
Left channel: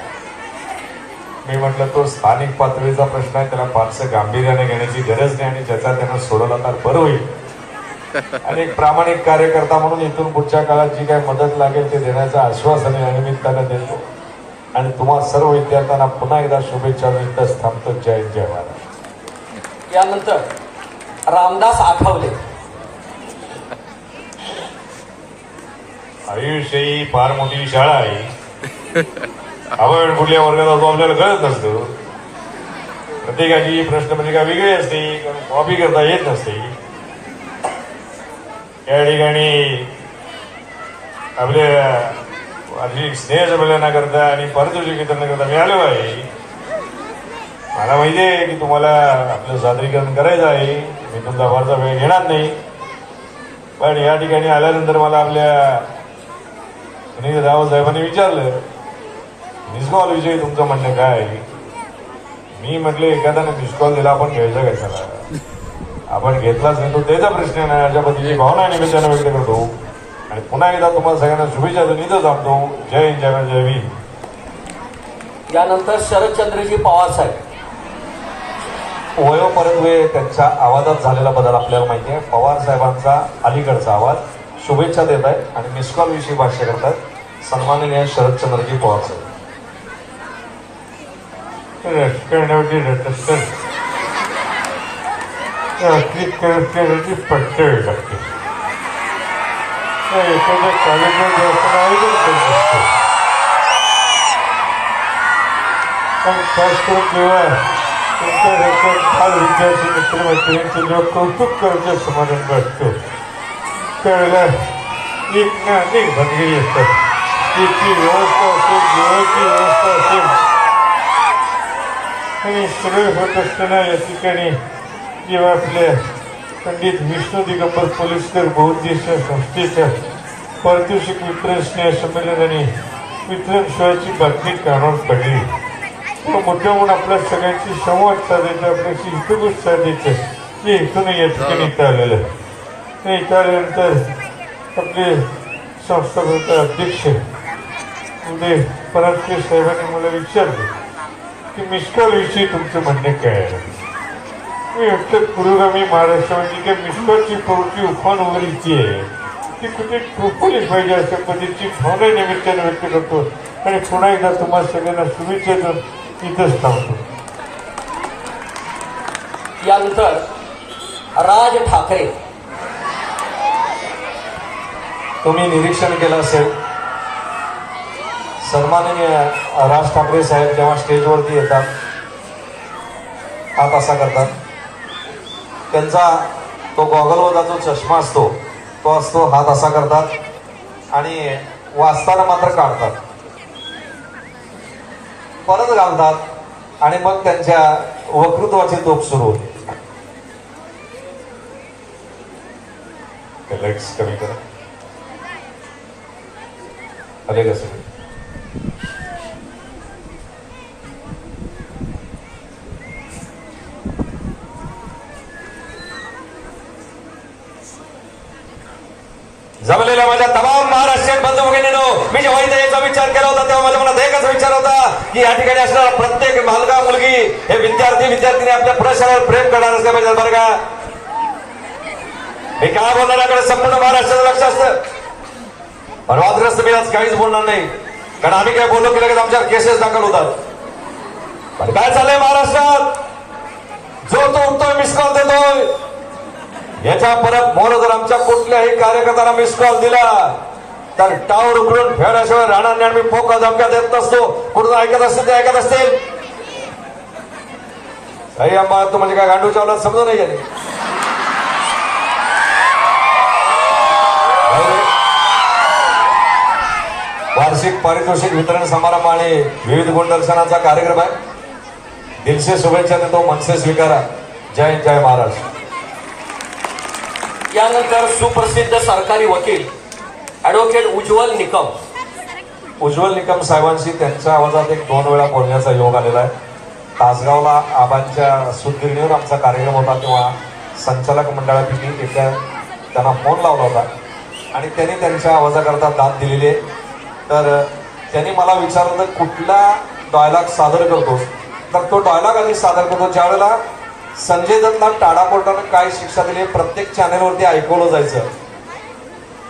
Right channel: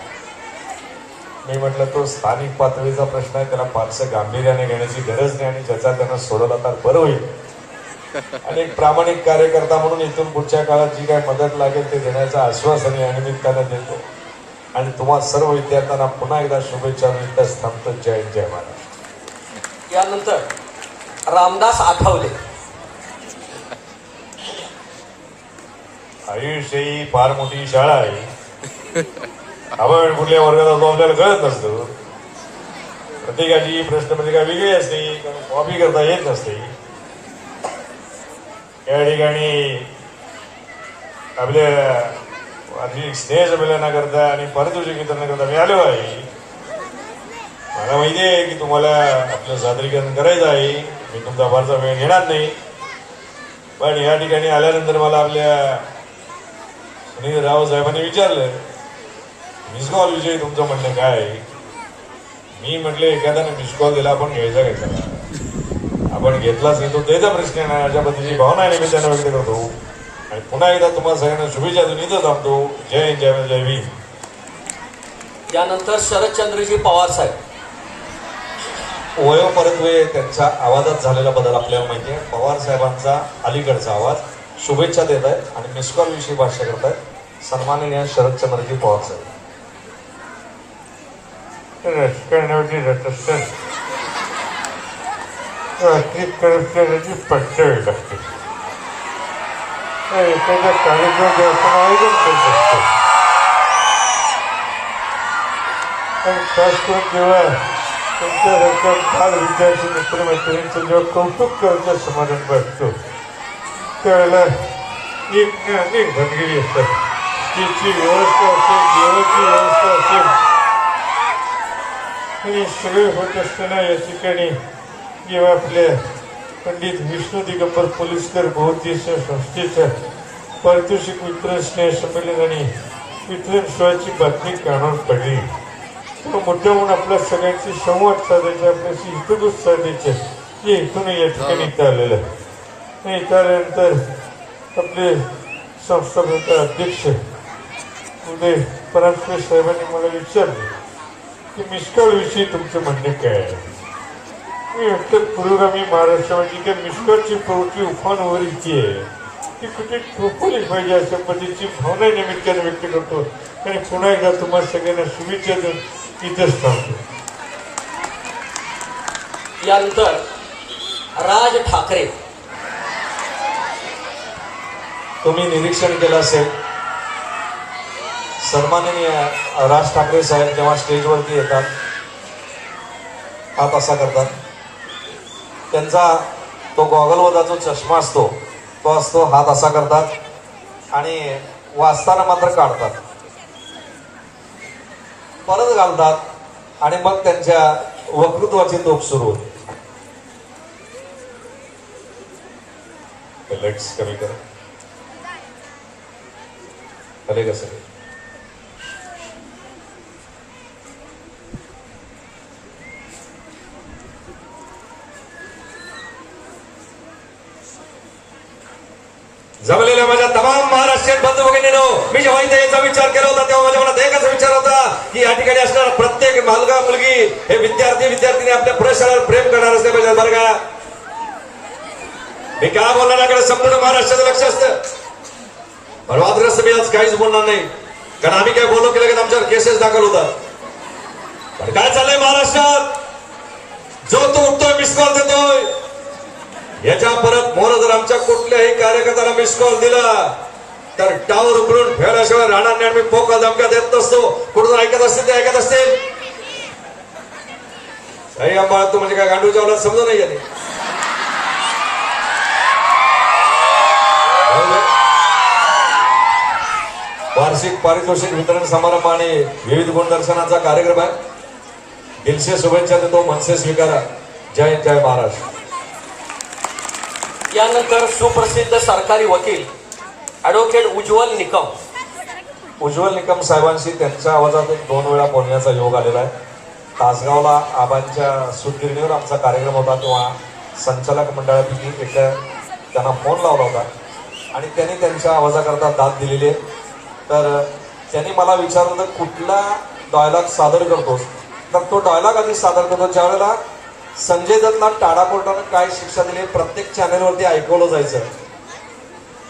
मी म्हटलं तो स्थानिक पातळीचा प्रश्न आहे, त्याला फारसं गांभीर्याने घेण्याची गरज नाही आणि ज्याचा त्यांना सोडवला तर बरं होईल. आणि एक प्रामाणिक कार्यकर्ता म्हणून इथून पुढच्या काळात जी काही मदत लागेल ते देण्याचं आश्वासन या निमित्तानं देतो आणि तुम्हा सर्व विद्यार्थ्यांना पुन्हा एकदा शुभेच्छा देतच थांबतो. जय जय महाराज. यानंतर रामदास आठवले. आयुष्य ही फार मोठी शाळा आहे. आपण कुठल्या वर्गाला जातो आपल्याला कळत नसतो. प्रत्येकाची प्रश्नपत्रिका वेगळी असते, कॉपी करता येत नसते. त्या ठिकाणी आपल्या वार्षिक स्नेहसंमेलन करता आणि पारितोषिक वितरण करता मी आलो आहे. मला माहिती आहे की तुम्हाला आपलं सादरीकरण करायचं आहे. मी तुमचा फारसा वेळ घेणार नाही. पण या ठिकाणी आल्यानंतर मला आपल्या सुनील रावसाहेबांनी विचारलं मिस कॉल विषयी तुमचं म्हणणं काय आहे. मी म्हटलं एखाद्याने मिस कॉल दिला आपण घ्यायचा घ्यायचा, आपण घेतलाच नाही तो त्याचा प्रश्न नाही. अशा पद्धतीची भावना निमित्तानं व्यक्त करतो आणि पुन्हा एकदा तुम्हाला सगळ्यांना शुभेच्छा देऊन इथं थांबतो. जय हिंद, जय जय भीम. यानंतर शरदचंद्रजी पवार साहेब. वयोपरत्वे त्यांच्या आवाजात झालेला बदल आपल्याला माहिती आहे. पवार साहेबांचा अलीकडचा आवाज शुभेच्छा देत आहेत आणि मिस कॉल विषयी भाष्य करतात. सन्माननीय शरदचंद्रजी पवार साहेब. राजकारणावरती रटस्तर रात्रीत करण्याची पट्ट वेळ लागते. एखाद्या कार्यक्रम खास करून जेव्हा त्यांच्या रक्कम फार विद्यार्थी मित्रमैत्रिणींचं जेव्हा कौतुक करण्याचं समाधान वाटतं त्यावेळेला एक ना अनेक भानगिरी असतात. त्याची व्यवस्था असेल, जेवणाची व्यवस्था असेल आणि सगळं होत असताना या ठिकाणी जेव्हा आपल्या पंडित विष्णू दिगंबर पलुसकर बहुउद्देशीय संस्थेच्या पारितोषिक वितरण स्नेह संमेलन आणि वितरण सोहळ्याची बातमी कानावर पडली. मोठ्या म्हणून आपल्या सगळ्यांशी संवाद साधायचा, आपल्याशी हितगुज साधायचं हे इथून या ठिकाणी इथं आलेलं आहे. इथं आल्यानंतर आपले संस्थापक अध्यक्ष उदय परांजपे साहेबांनी मला विचारले की मिसकॉल विषयी तुमचं म्हणणं काय आहे. मी म्हटलं पुरोगामी महाराष्ट्रामध्ये काही मिसकॉलची प्रवृत्ती उफानवर इतकी आहे ती कुठे ठोकवली पाहिजे अशा पद्धतीची भावना निमित्ताने व्यक्त करतो आणि पुन्हा एकदा तुम्हाला सगळ्यांना शुभेच्छा देऊन इथंच थांबतो. यानंतर राज ठाकरे. तुम्ही निरीक्षण केलं असेल सन्माननीय राज ठाकरे साहेब जेव्हा स्टेजवरती येतात हात असा करतात. त्यांचा तो गॉगलवरचा जो चष्मा असतो तो असतो, हात असा करतात आणि वाचताना मात्र काढतात, परत घालतात आणि मग त्यांच्या वक्तृत्वाची तोप सुरू होते. लाईट्स कमी करा. अरे कसं जमलेल्या माझ्या तमाम महाराष्ट्रीयन बंधू भगिनींनो, मी जेव्हा इथे याचा विचार केला होता तेव्हा माझ्या मनात एकच विचार होता की या ठिकाणी असणारा प्रत्येक मुलगा मुलगी हे विद्यार्थी आपल्या प्रशावर प्रेम करणार असले पाहिजे. बरं का मी काय बोलणार संपूर्ण महाराष्ट्राचं लक्ष असतं. पण वादग्रस्त मी आज काहीच बोलणार नाही, कारण आम्ही काय बोललो की लगेच आमच्यावर केसेस दाखल होतात. पण काय चाललंय महाराष्ट्रात, जो तो उठतोय मिस कॉल देतोय. याच्या परत मोर जर आमच्या कुठल्याही कार्यकर्त्याला मिस कॉल दिला तर टावर उकळून फेराशिवाय राहणार नाही. आम्ही पोका धमक्या देत नसतो. कुठून ऐकत असतील ते ऐकत असतील. काही आम्हाला तू म्हणजे काय गांडू चावला समजून नाही गेले. वार्षिक पारितोषिक वितरण समारंभ आणि विविध गुणदर्शनाचा कार्यक्रम आहे. दिलसे शुभेच्छा देतो, मनसे स्वीकारा. जय जय महाराष्ट्र. यानंतर सुप्रसिद्ध सरकारी वकील ऍडव्होकेट उज्ज्वल निकम. उज्ज्वल निकम साहेबांशी त्यांच्या आवाजात एक 2 वेळा बोलण्याचा योग आलेला आहे. तासगावला आबांच्या सुदगिरणीवर आमचा कार्यक्रम होता तेव्हा संचालक मंडळापैकी एकदा त्यांना फोन लावला होता आणि त्यांनी त्यांच्या आवाजाकरता दाद दिलेली आहे. तर त्यांनी मला विचारलं कुठला डायलॉग सादर करतोस, तर तो डायलॉग आम्ही सादर करतो ज्यावेळेला संजय दत्तला टाळा कोर्टानं काय शिक्षा दिली प्रत्येक चॅनेलवरती ऐकवलं जायचं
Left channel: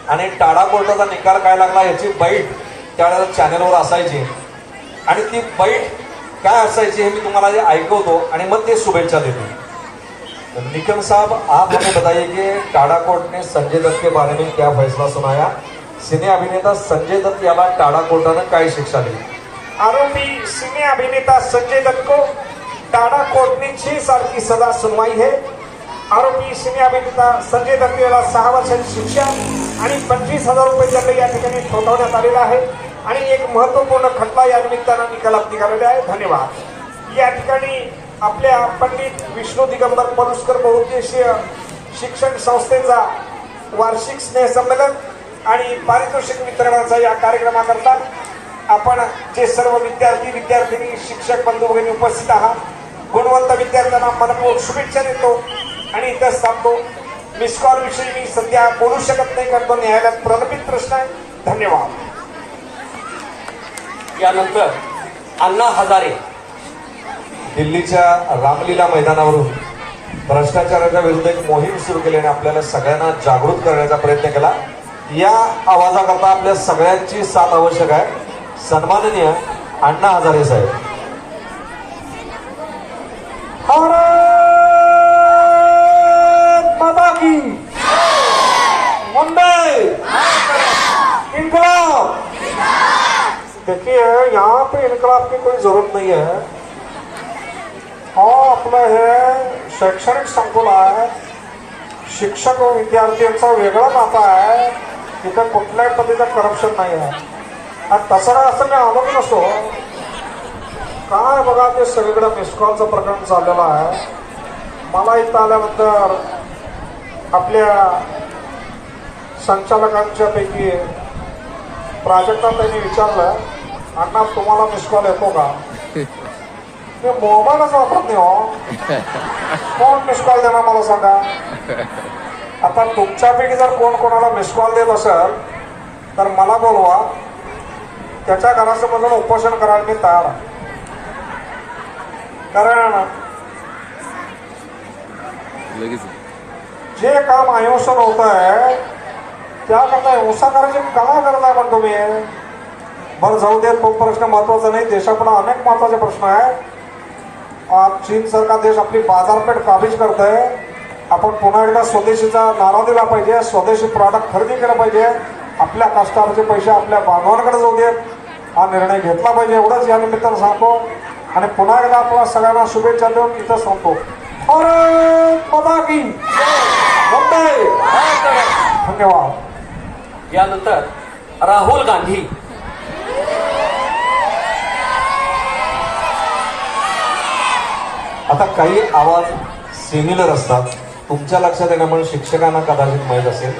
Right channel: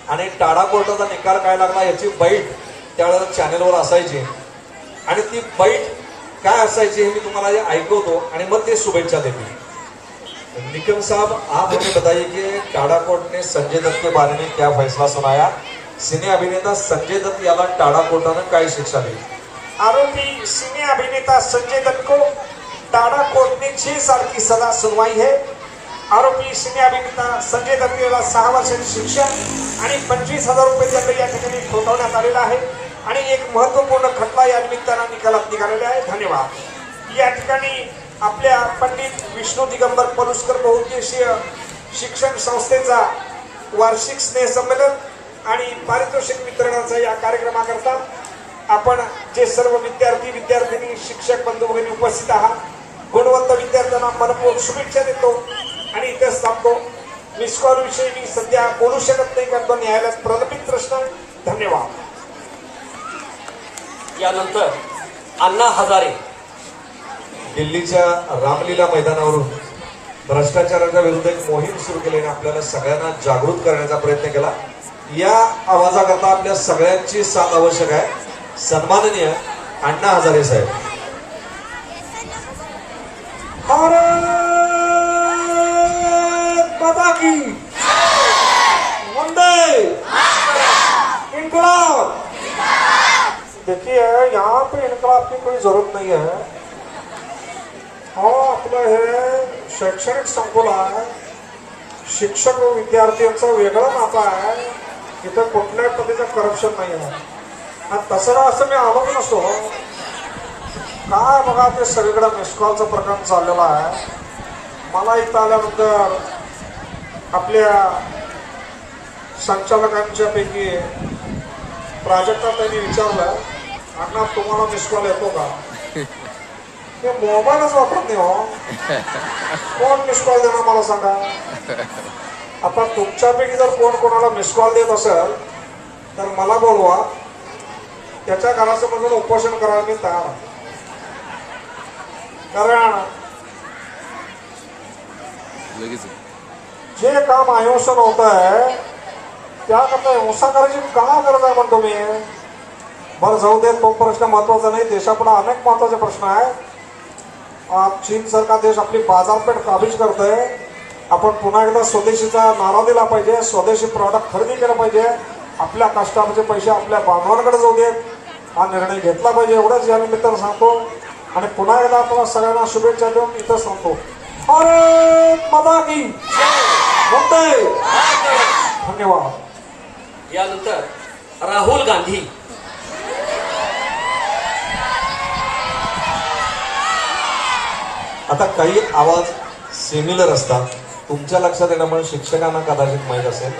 आणि टाळा कोर्टाचा निकाल काय लागला याची बाईट त्यावेळेला चॅनेलवर असायची आणि ती बाईट काय असायची हे मी तुम्हाला ऐकवतो आणि मग ते शुभेच्छा देते. निकम साहब, आप हमें बताइए कि टाडा कोर्ट ने संजय दत्त के बारे में क्या फैसला सुनाया? सिने अभिनेता संजय दत्त याला टाडा कोर्टानं काय शिक्षा दिली? आरोपी सिने अभिनेता संजय दत्त को टाडा कोर्ट ने 6 साल की सजा सुनवाई है। आरोपी सिने अभिनेता संजय दत्त याला 6 वर्षाची शिक्षा आणि 25,000 रुपये दंड या ठिकाणी ठोठावण्यात आलेला आहे आणि एक महत्वपूर्ण खटला या निमित्तानं निकालात निघालेला आहे. धन्यवाद. या ठिकाणी आपल्या पंडित विष्णू दिगंबर पलुस्कर बहुउद्देशीय शिक्षण संस्थेचा वार्षिक स्नेहसंमेलन आणि पारितोषिक वितरणाचा या कार्यक्रमाकरता आपण जे सर्व विद्यार्थिनी शिक्षक बंधू भगिनी उपस्थित आहात, गुणवंत विद्यार्थ्यांना मनपूर्वक शुभेच्छा देतो आणि इथंच थांबतो. मिस कॉल विषयी मी सध्या बोलू शकत नाही, कारण तो न्यायालयात प्रलंबित प्रश्न आहे. धन्यवाद. यानंतर अण्णा हजारे दिल्लीच्या रामलीला मैदानावरून भ्रष्टाचाराच्या विरुद्ध एक मोहीम सुरू केली आणि आपल्याला सगळ्यांना जागृत करण्याचा प्रयत्न केला. या आवाजाकरता आपल्या सगळ्यांची साथ आवश्यक आहे. सन्माननीय अण्णा हजारे साहेब. भारत माता की वंदे इनकलाब. देखिए, यहाँ पे इनकलाब की कोई जरूरत नहीं है. आपलं हे शैक्षणिक संकुल आहे, शिक्षक व विद्यार्थ्यांचा वेगळा नाता आहे. इथे कुठल्याही पद्धतीचं करप्शन नाही आहे. आणि तसं असं मी आम्हाला नसतो काय. बघा, ते सगळीकडे मिसकॉलचं प्रकरण चाललेलं आहे. मला इथं आल्यानंतर आपल्या संचालकांच्या पैकी प्राजक्ता त्यांनी विचारलं, अण्णा तुम्हाला मिसकॉल येतो का? मी मोबाईलच वापरत नाही हो. कोण मिसकॉल देणार मला सांगा. आता तुमच्यापैकी जर कोण कोणाला मिसकॉल देत असेल तर मला बोलवा. त्याच्या घराचं मला उपोषण करायला मी तयार आहे. कारण जे काम अहिंसक होत आहे त्याकरता हिंसा करायची काय गरज आहे म्हणतो मी. बरं, जाऊ दे, तो प्रश्न महत्वाचा नाही. देशापुढे अनेक महत्वाचे प्रश्न आहेत. चीन सारखा देश आपली बाजारपेठ काबीज करत आहे. आपण पुन्हा एकदा स्वदेशीचा नारा दिला पाहिजे. स्वदेशी प्रॉडक्ट खरेदी केलं पाहिजे. आपल्या कष्टाचे पैसे आपल्या बांधवांकडे जाऊ देत हा निर्णय घेतला पाहिजे. एवढंच या निमित्तानं सांगतो आणि पुन्हा एकदा आपण सगळ्यांना शुभेच्छा देऊन इथं सांगतो. भारत माता की वंदे. धन्यवाद. यानंतर राहुल गांधी. आता काही आवाज सिमिलर असतात. तुमच्या लक्षात येणं म्हणून शिक्षकांना कदाचित माहीत असेल.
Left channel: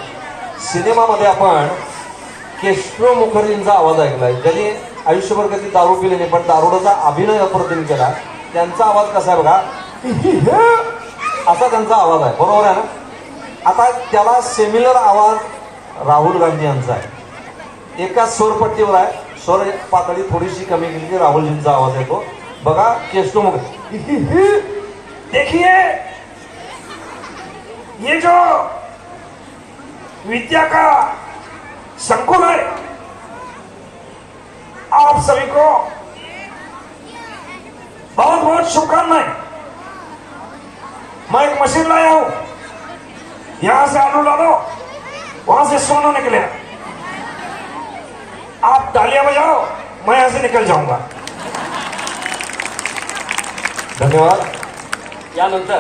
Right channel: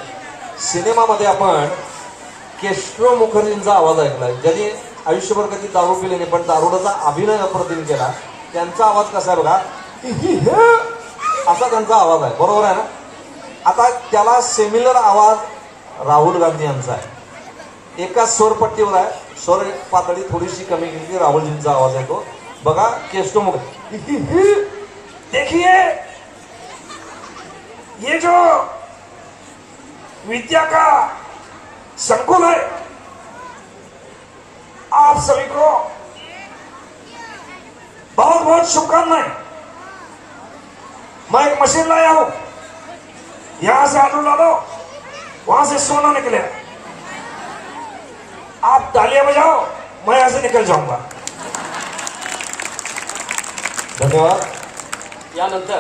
सिनेमामध्ये आपण केशव मुखर्जींचा आवाज ऐकलाय, ज्यांनी आयुष्यभर कधी दारू पिली नाही पण दारुडाचा अभिनय अप्रतिम केला. त्यांचा आवाज कसा आहे बघा, असा त्यांचा आवाज आहे. बरोबर आहे ना? आता त्याला सिमिलर आवाज राहुल गांधी यांचा आहे. एकाच स्वरपट्टीवर आहे. स्वर पातळी थोडीशी कमी केली की राहुलजींचा आवाज येतो. बघा, केशव मुखर्जी. देखिए, ये जो विद्या का संकुल है, आप सभी को बहुत बहुत शुभकामनाएं. मैं एक मशीन लाया हूं. यहां से आलू डालो, वहां से सोना निकले. आप तालियां बजाओ, मैं यहां से निकल जाऊंगा. धन्यवाद. यानंतर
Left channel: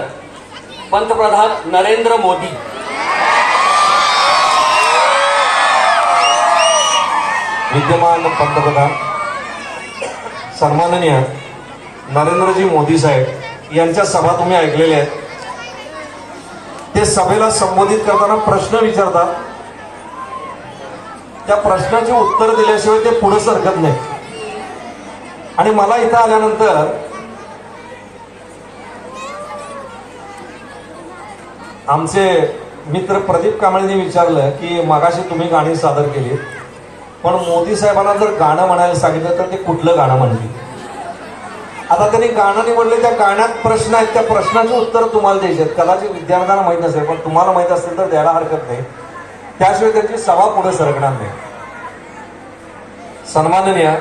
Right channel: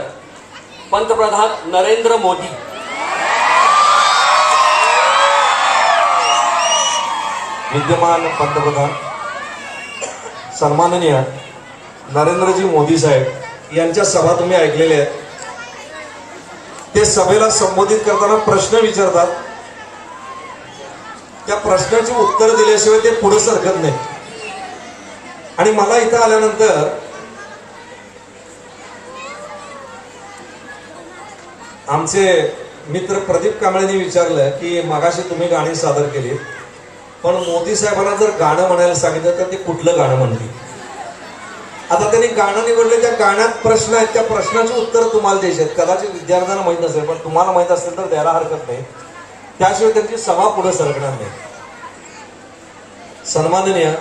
पंतप्रधान नरेंद्र मोदी. विद्यमान पंतप्रधान सन्माननीय नरेंद्रजी मोदी साहेब यांच्या सभा तुम्ही ऐकलेल्या आहेत. ते सभेला संबोधित करताना प्रश्न विचारतात. त्या प्रश्नाची उत्तर दिल्याशिवाय ते पुढे सरकत नाही. आणि मला इथं आल्यानंतर आमचे मित्र प्रदीप कांबळेंनी विचारलं की मगाशी तुम्ही गाणी सादर केली, पण मोदी साहेबांना जर गाणं म्हणायला सांगितलं तर ते कुठलं गाणं म्हणतील? आता त्यांनी गाणं निवडले. त्या गाण्यात प्रश्न आहेत, त्या प्रश्नाचे उत्तर तुम्हाला द्यायचे आहेत. कदाचित विद्यार्थ्यांना माहित नसेल, पण तुम्हाला माहित असेल तर द्यायला हरकत नाही. त्याशिवाय त्यांची सभा पुढे सरकणार नाही. सन्माननीय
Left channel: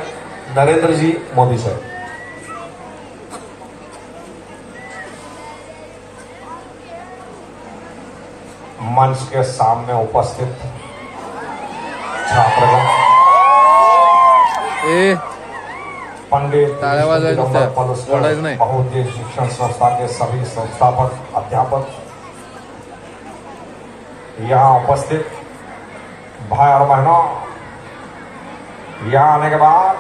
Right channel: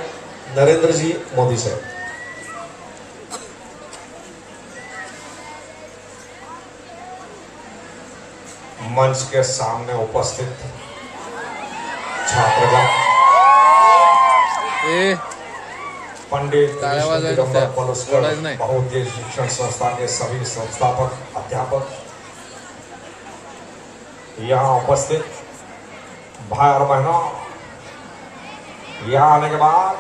नरेंद्रजी मोदी साहेब. मंच के सामने उपस्थित छात्रगण, पंडित टाळ्या वाजवायच्या, दिगंबर पलुस्कर ओरडायचं नाही. बहुउद्देशीय शिक्षण संस्था के सभी संस्थापक अध्यापक, यहाँ उपस्थित भाई और बहनों, यहाँ आने के बाद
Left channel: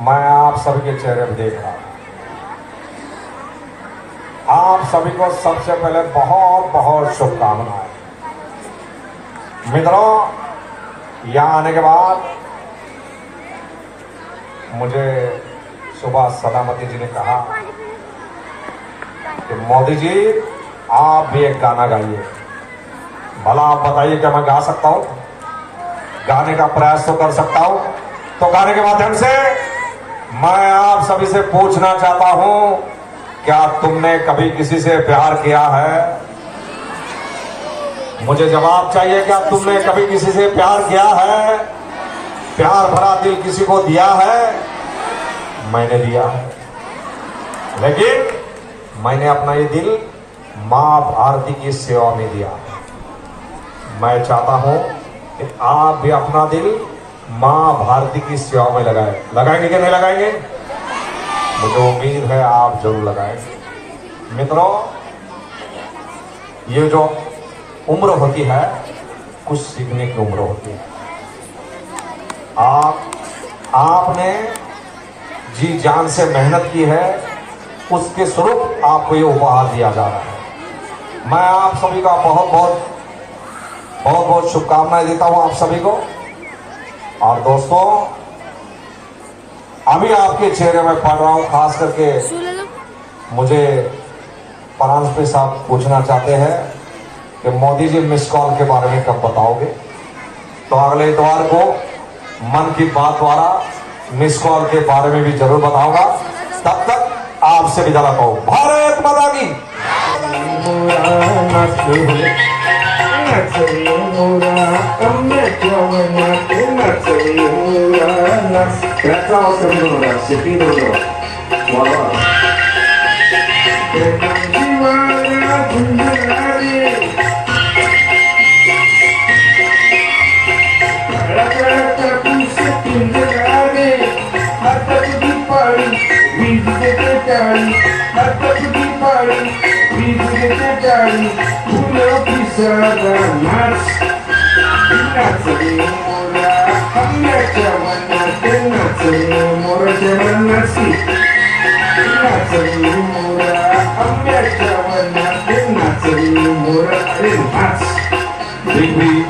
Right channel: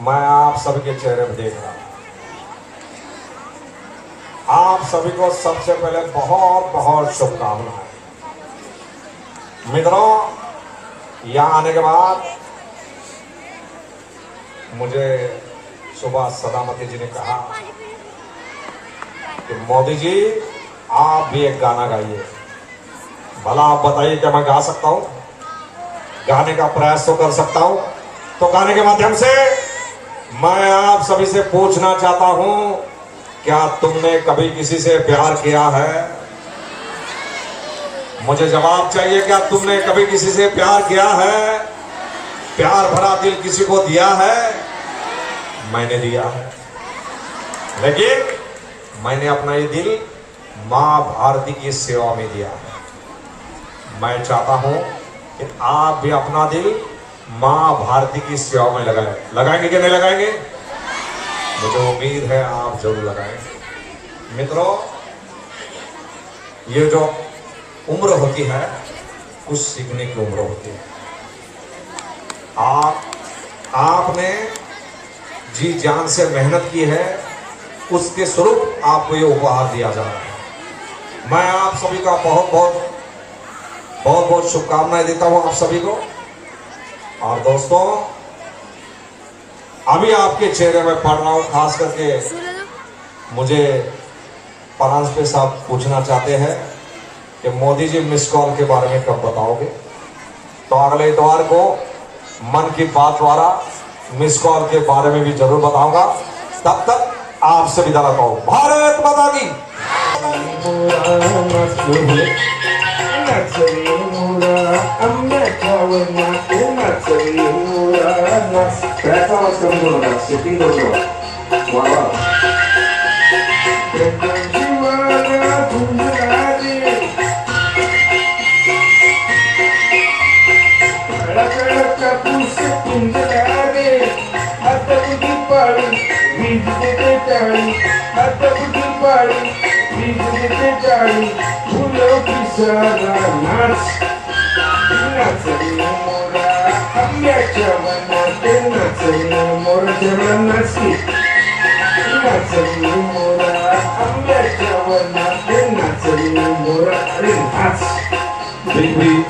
मैं आप सभी के चेहरे पर देख रहा हूं। आप सभी को सबसे पहले बहुत बहुत शुभकामनाएं। मित्रों, यहाँ आने के बाद मुझे सुबह सदामती जी ने कहा कि मोदी जी आप भी एक गाना गाइए। भला आप बताइए क्या मैं गा सकता हूं? गाने का प्रयास तो कर सकता हूं। तो गाने के माध्यम से मैं आप सभी से पूछना चाहता हूं, क्या तुमने कभी किसी से प्यार किया है? मुझे जवाब चाहिए। क्या तुमने कभी किसी से प्यार किया है? प्यार भरा दिल किसी को दिया है? मैंने दिया है, लेकिन मैंने अपना ये दिल मां भारती की सेवा में दिया है। मैं चाहता हूं कि आप भी अपना दिल मां भारती की सेवा में लगाएंगे कि नहीं लगाएंगे? मुझे उम्मीद है आप जरूर लगाएंगे। मित्रों, ये जो उम्र होती है, कुछ सीखने की उम्र होती है। आपने जी जान से मेहनत की है, उसके स्वरूप आपको ये उपहार दिया जा रहा है। मैं आप सभी का बहुत बहुत शुभकामनाएं देता हूं आप सभी को। और दोस्तों, अभी आपके चेहरे में पढ़ रहा हूं, खास करके मुझे परांजपे साहब पूछना चाहते हैं कि मोदी जी मिस कॉल के बारे में कब बताओगे? तो अगले इतवार को मन की बात द्वारा मिस कॉल के बारे में भी जरूर बताऊंगा। तब तक आपसे विदा पाओ। भारत माता की।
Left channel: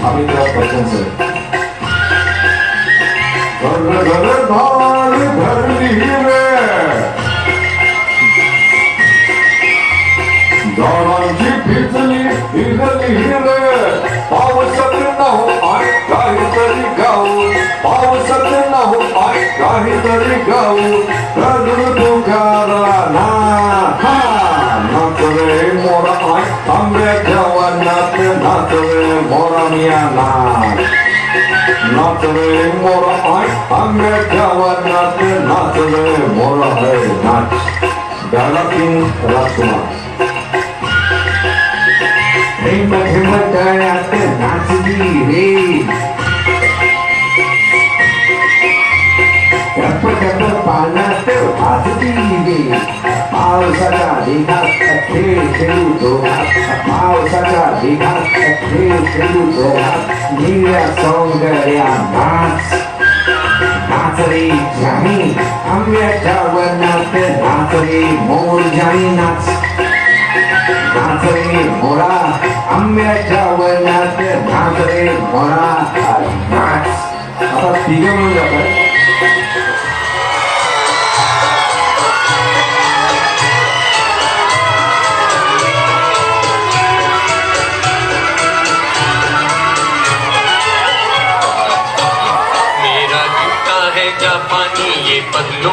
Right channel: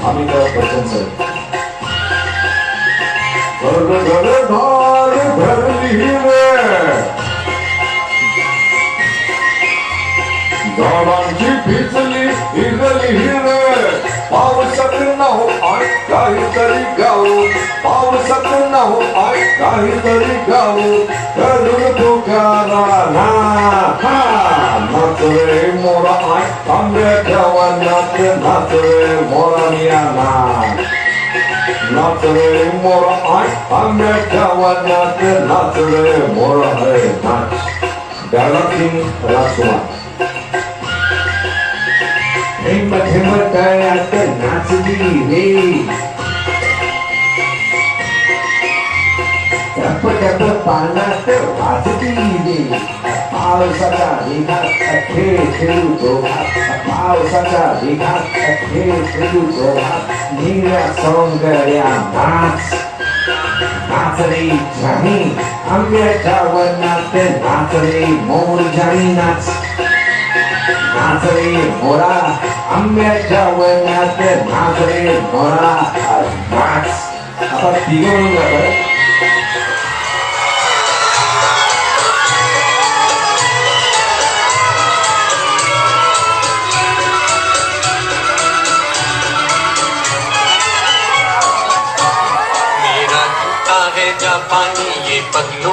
अमिताभ बच्चन सर। घर घर धार धरली रे, झाडांची भिजली भिजली रे, पावसात न हो काहीतरी गाऊ, पावसात न हो काहीतरी गाऊ, रडून तुकारा ना नाच रे मोरा आंब्याच्या वनात, नाच रे मोरा मिया नाच रे मोरा आंब्याच्या वनात, नाच रे मोरा है नाच। डायलॉग किंग राजकुमार। हिम्मत तळ्यात नाचली रे, टप टप पाण्यात वाजली रे, पावसाच्या ढिगात खेळ खेळू दोघात, पावसाच्या ढिगात खेळ खेळू दोघात, निळ्या सौंदर्या नाच नाच रे जामी, आंब्याच्या वनात नाच रे मोर जामी नाच, नाच रे मोरा आंब्याच्या वनात, नाच रे मोरा नाच। आता तिघं मिळून जातात। जापानी ये पहलू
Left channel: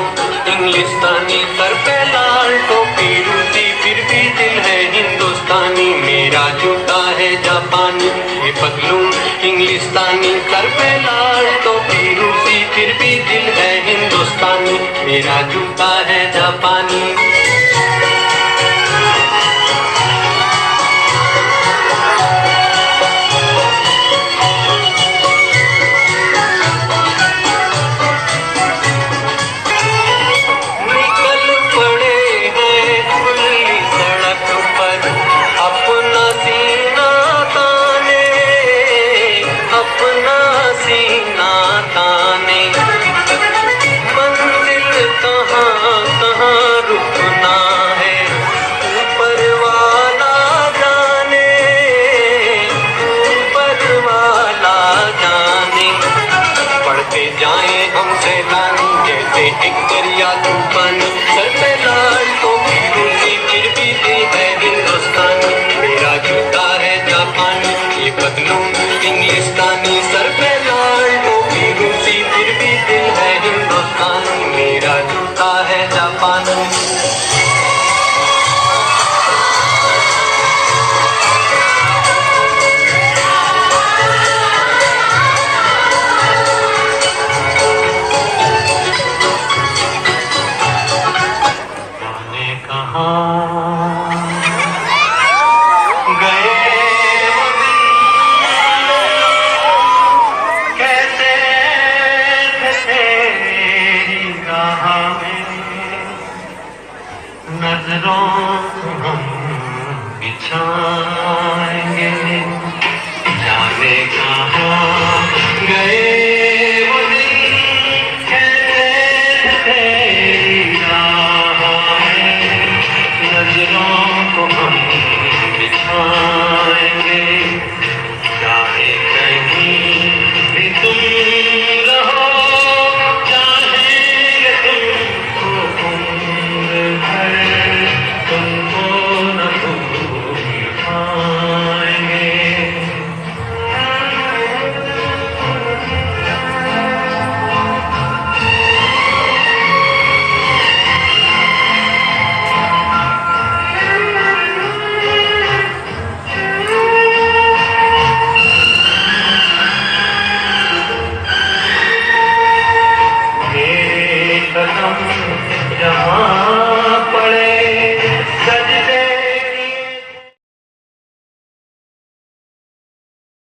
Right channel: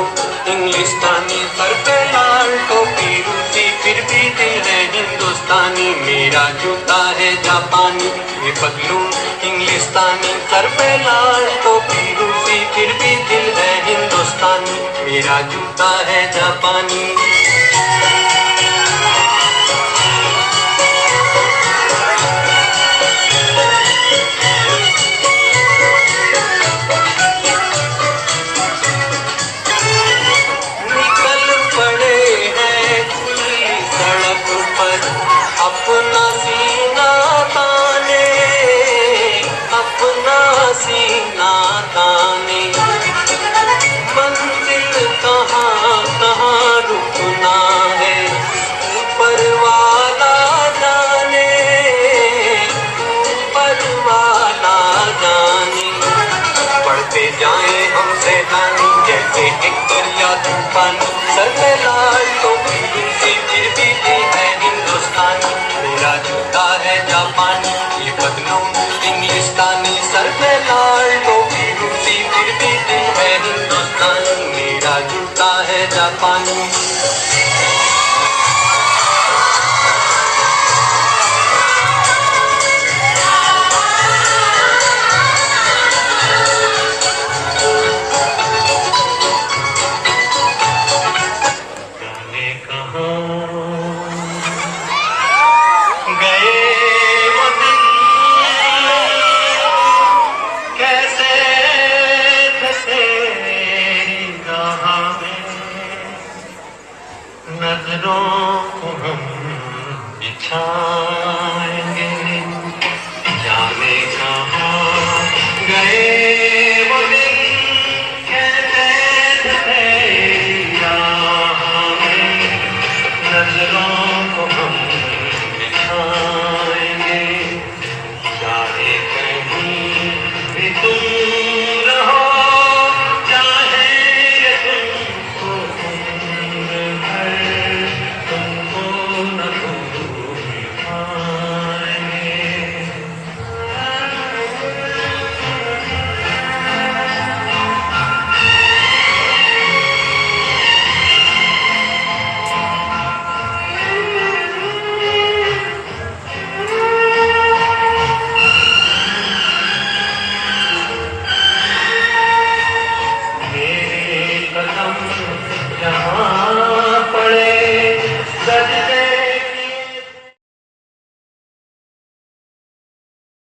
इंग्लिस्तानी, सर पे लाल टोपी रूसी, फिर भी दिल है हिंदुस्तानी। मेरा जूता है जापानी ये पहलू इंग्लिस्तानी, सर पे लाल टोपी रूसी, फिर भी दिल है हिंदुस्तानी। मेरा जूता है जापानी। जापानी जाने कहाँ गए वो दिन, कैसे थे तेरी राह में, नजरों को हम बिछाएंगे, जाने कहाँ गए वो दिन, कैसे थे तेरी राह में, नजरों को हम बिछाएंगे, चाहे कहीं भी तुम रहो, चाहेंगे तुमको उम्र भर, तुमको न भूल पाएंगे। मेरे कदम जहाँ